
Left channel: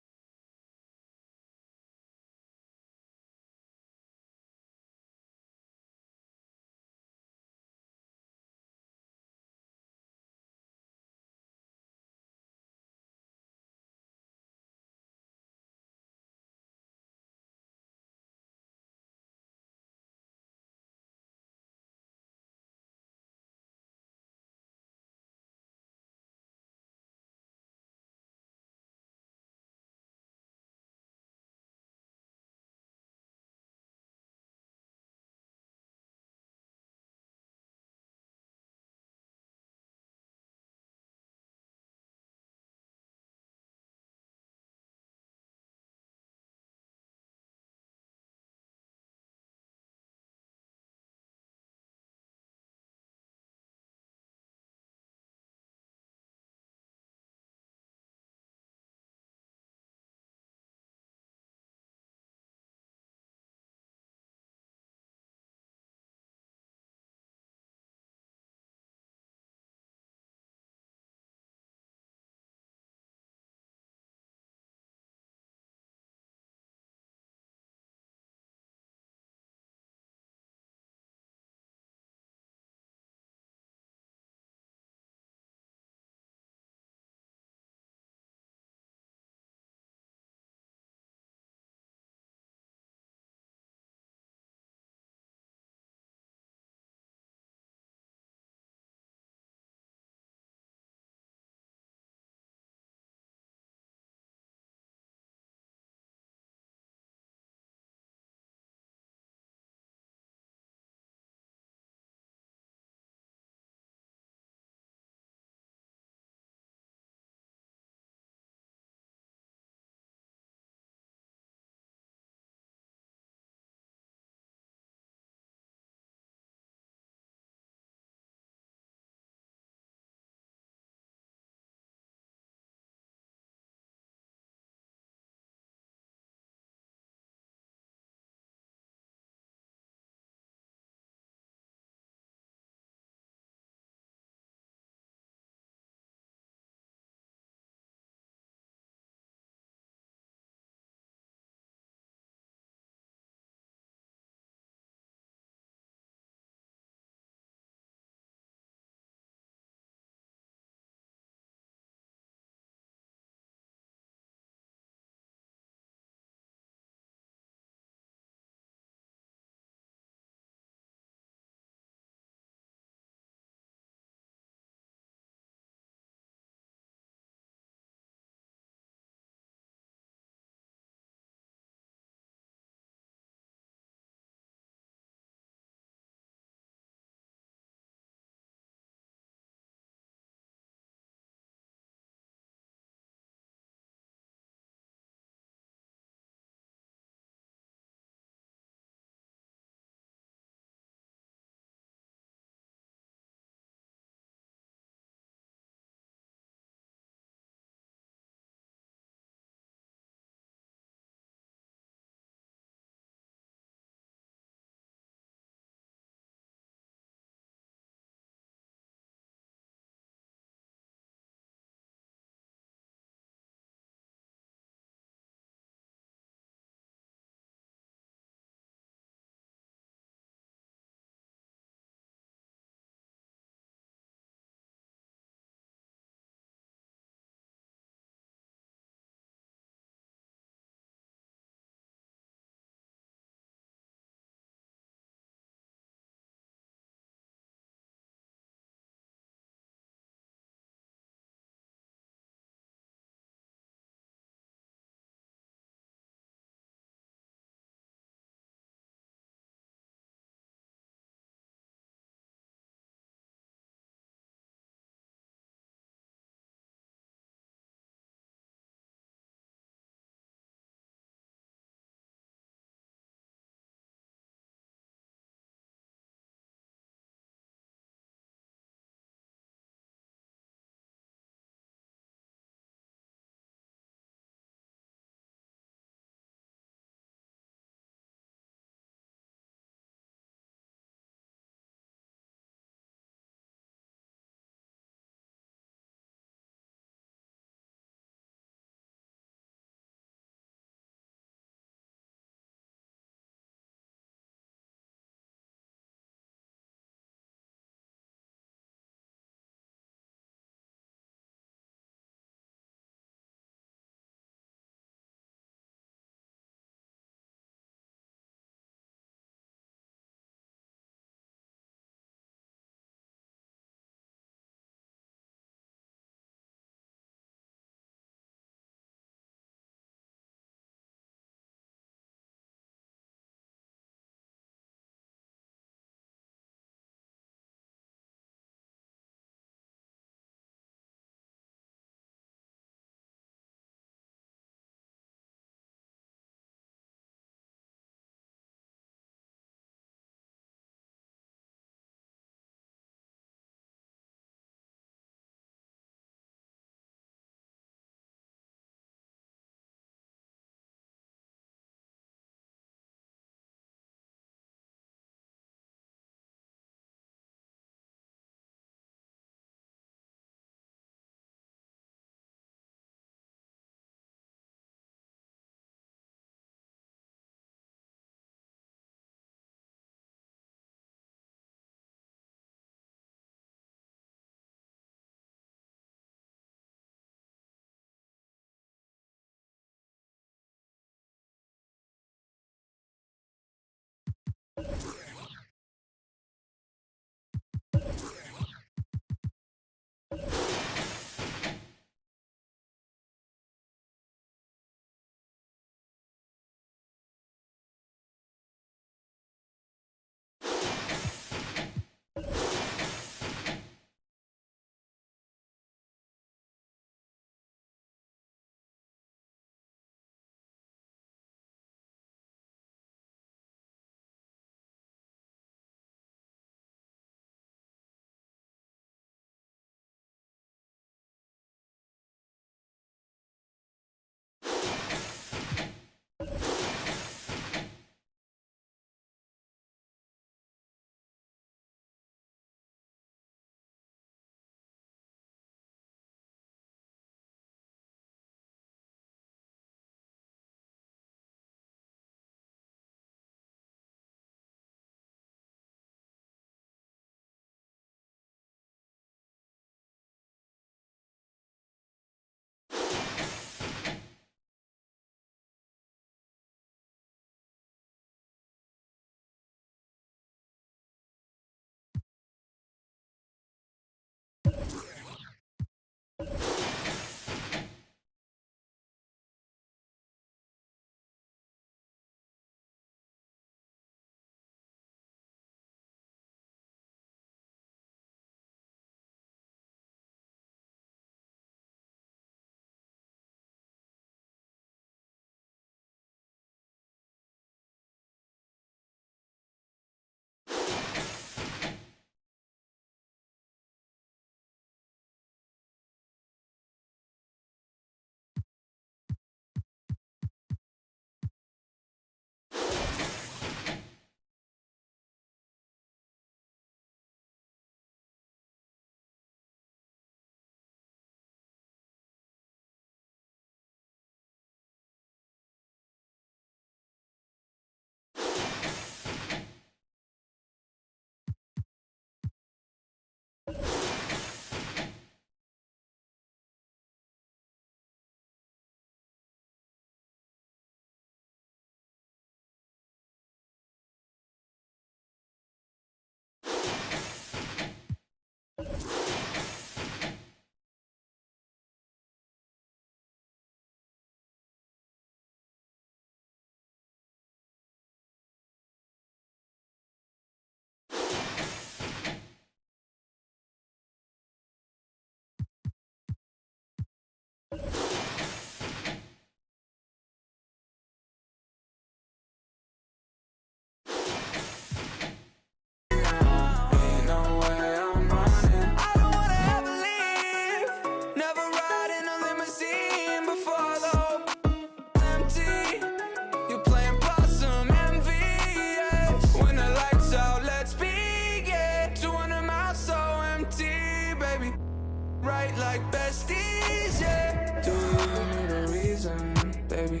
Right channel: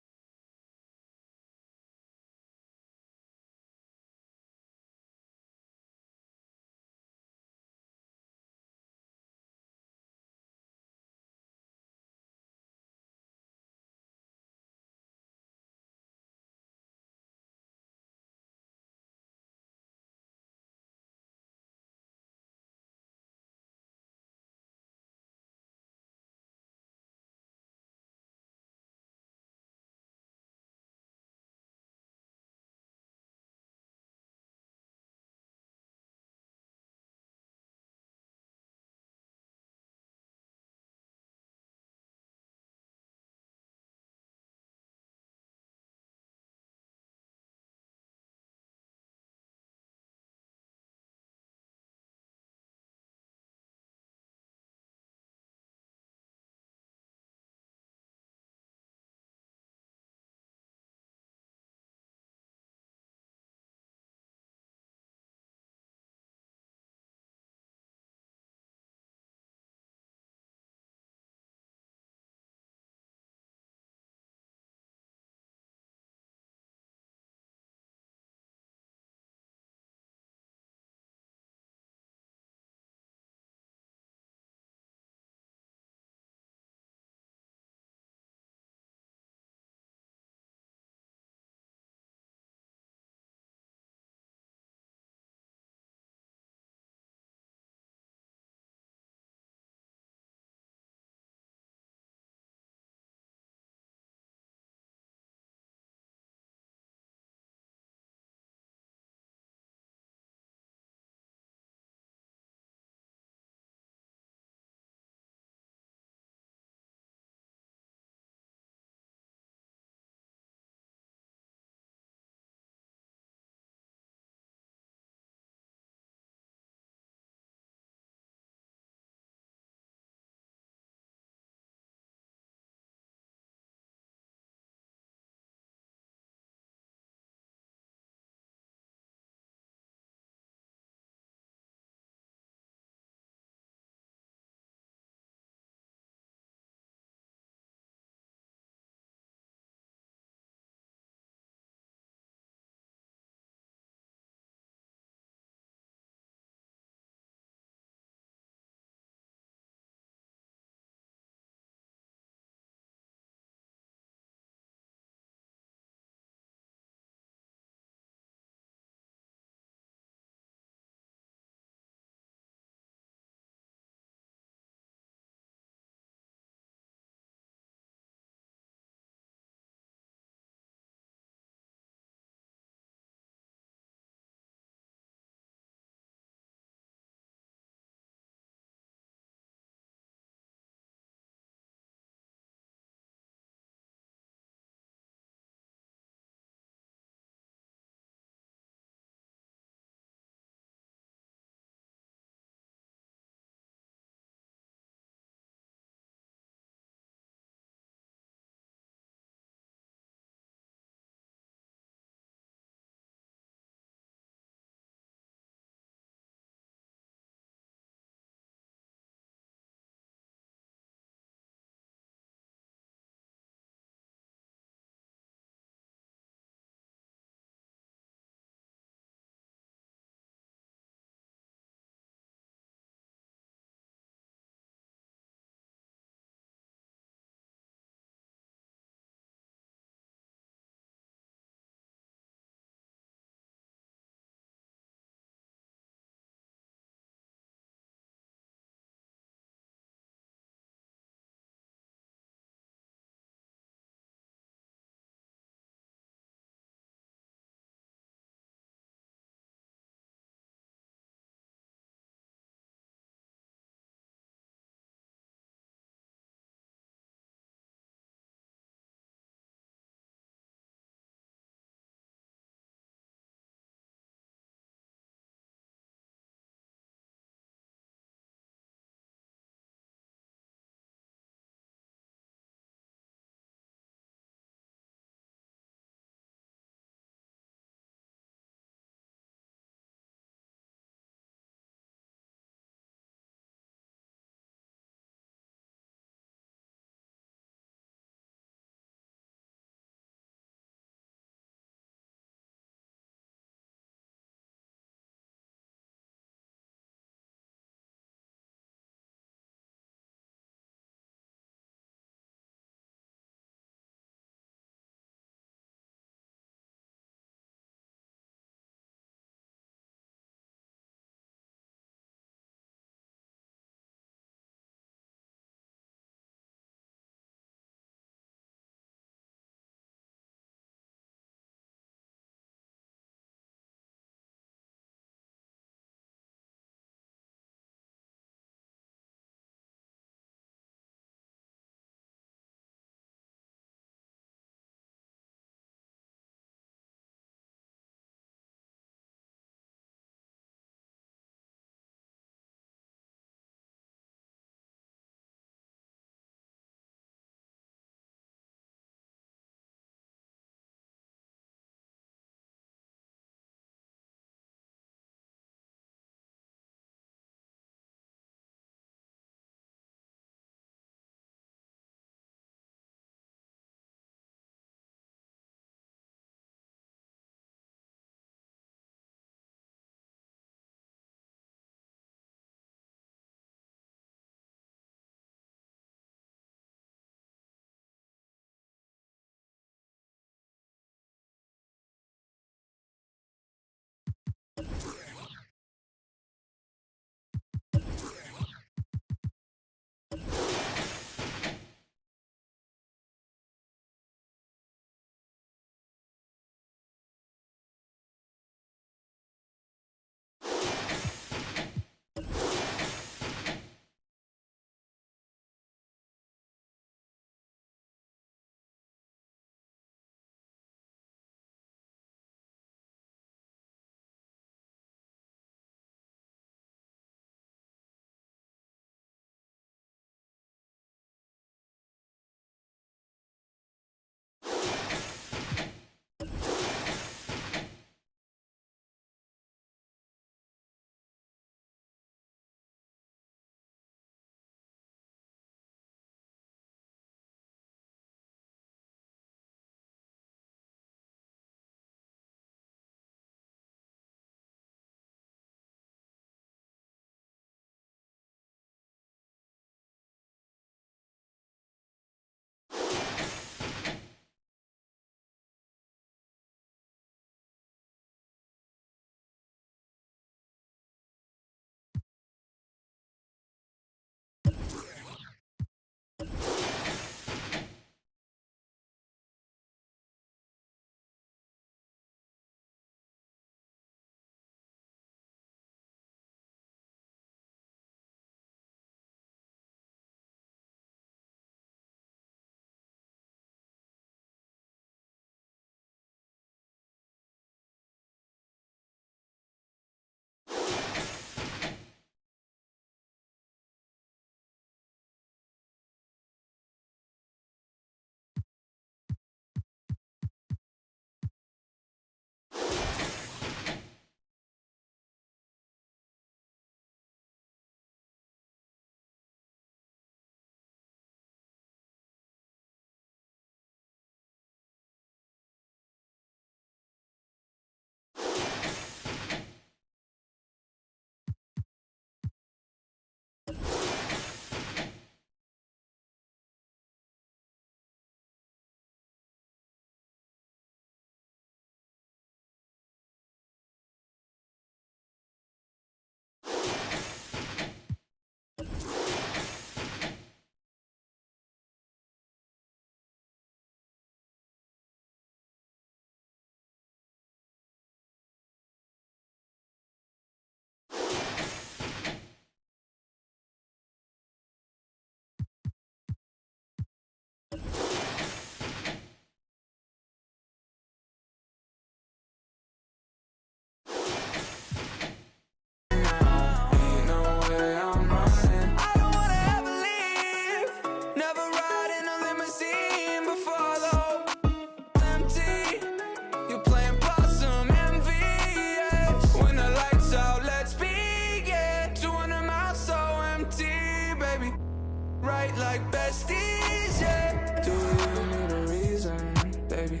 Right like besties, yeah. Do we even need a reason, baby?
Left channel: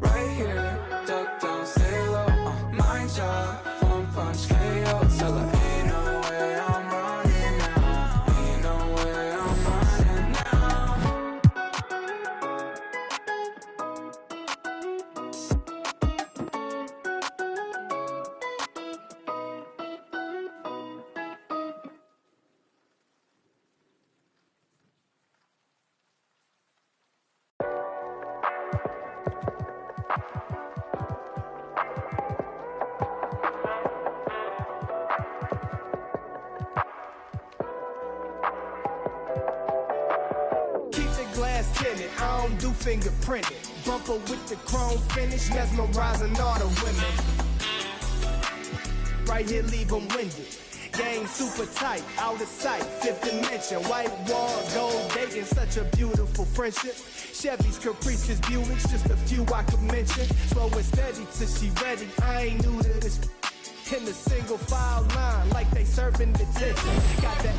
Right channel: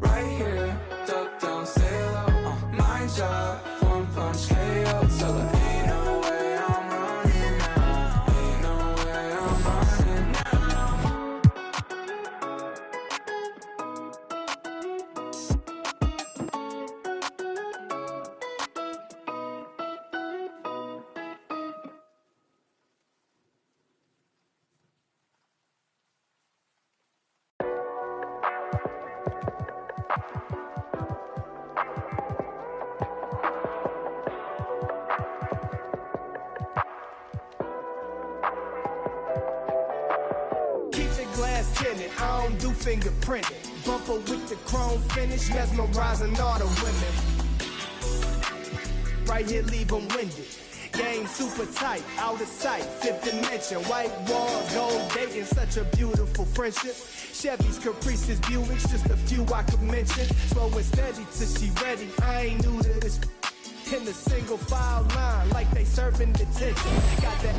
Right here, duck down, stay low. My job, one punch KO. Tell her ain't no way I'm running now. Ain't no way I'm running now. Keep the glass tinted, I don't do fingerprinting. Bumper with the chrome finish, mesmerizing all the women. Right here, leave them winded. Game super tight, out of sight, fifth dimension. White walls, gold dating, such a beautiful friendship. Chevys, Caprices, Buicks, just a few I could mention. Slow and steady till she ready, I ain't new to this. In the single file line, like they serving detention. Got that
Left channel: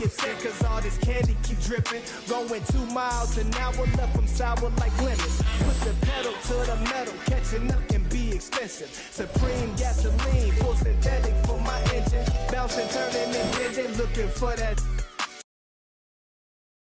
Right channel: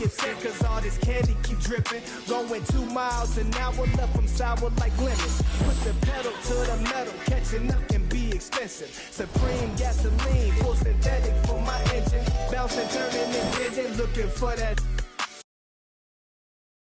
get sick cause all this candy keep dripping. Going 2 miles an hour, left them sour like lemons. Put the pedal to the metal, catching up can be expensive. Supreme gasoline, full synthetic for my engine. Bouncing, turning and bending, looking for that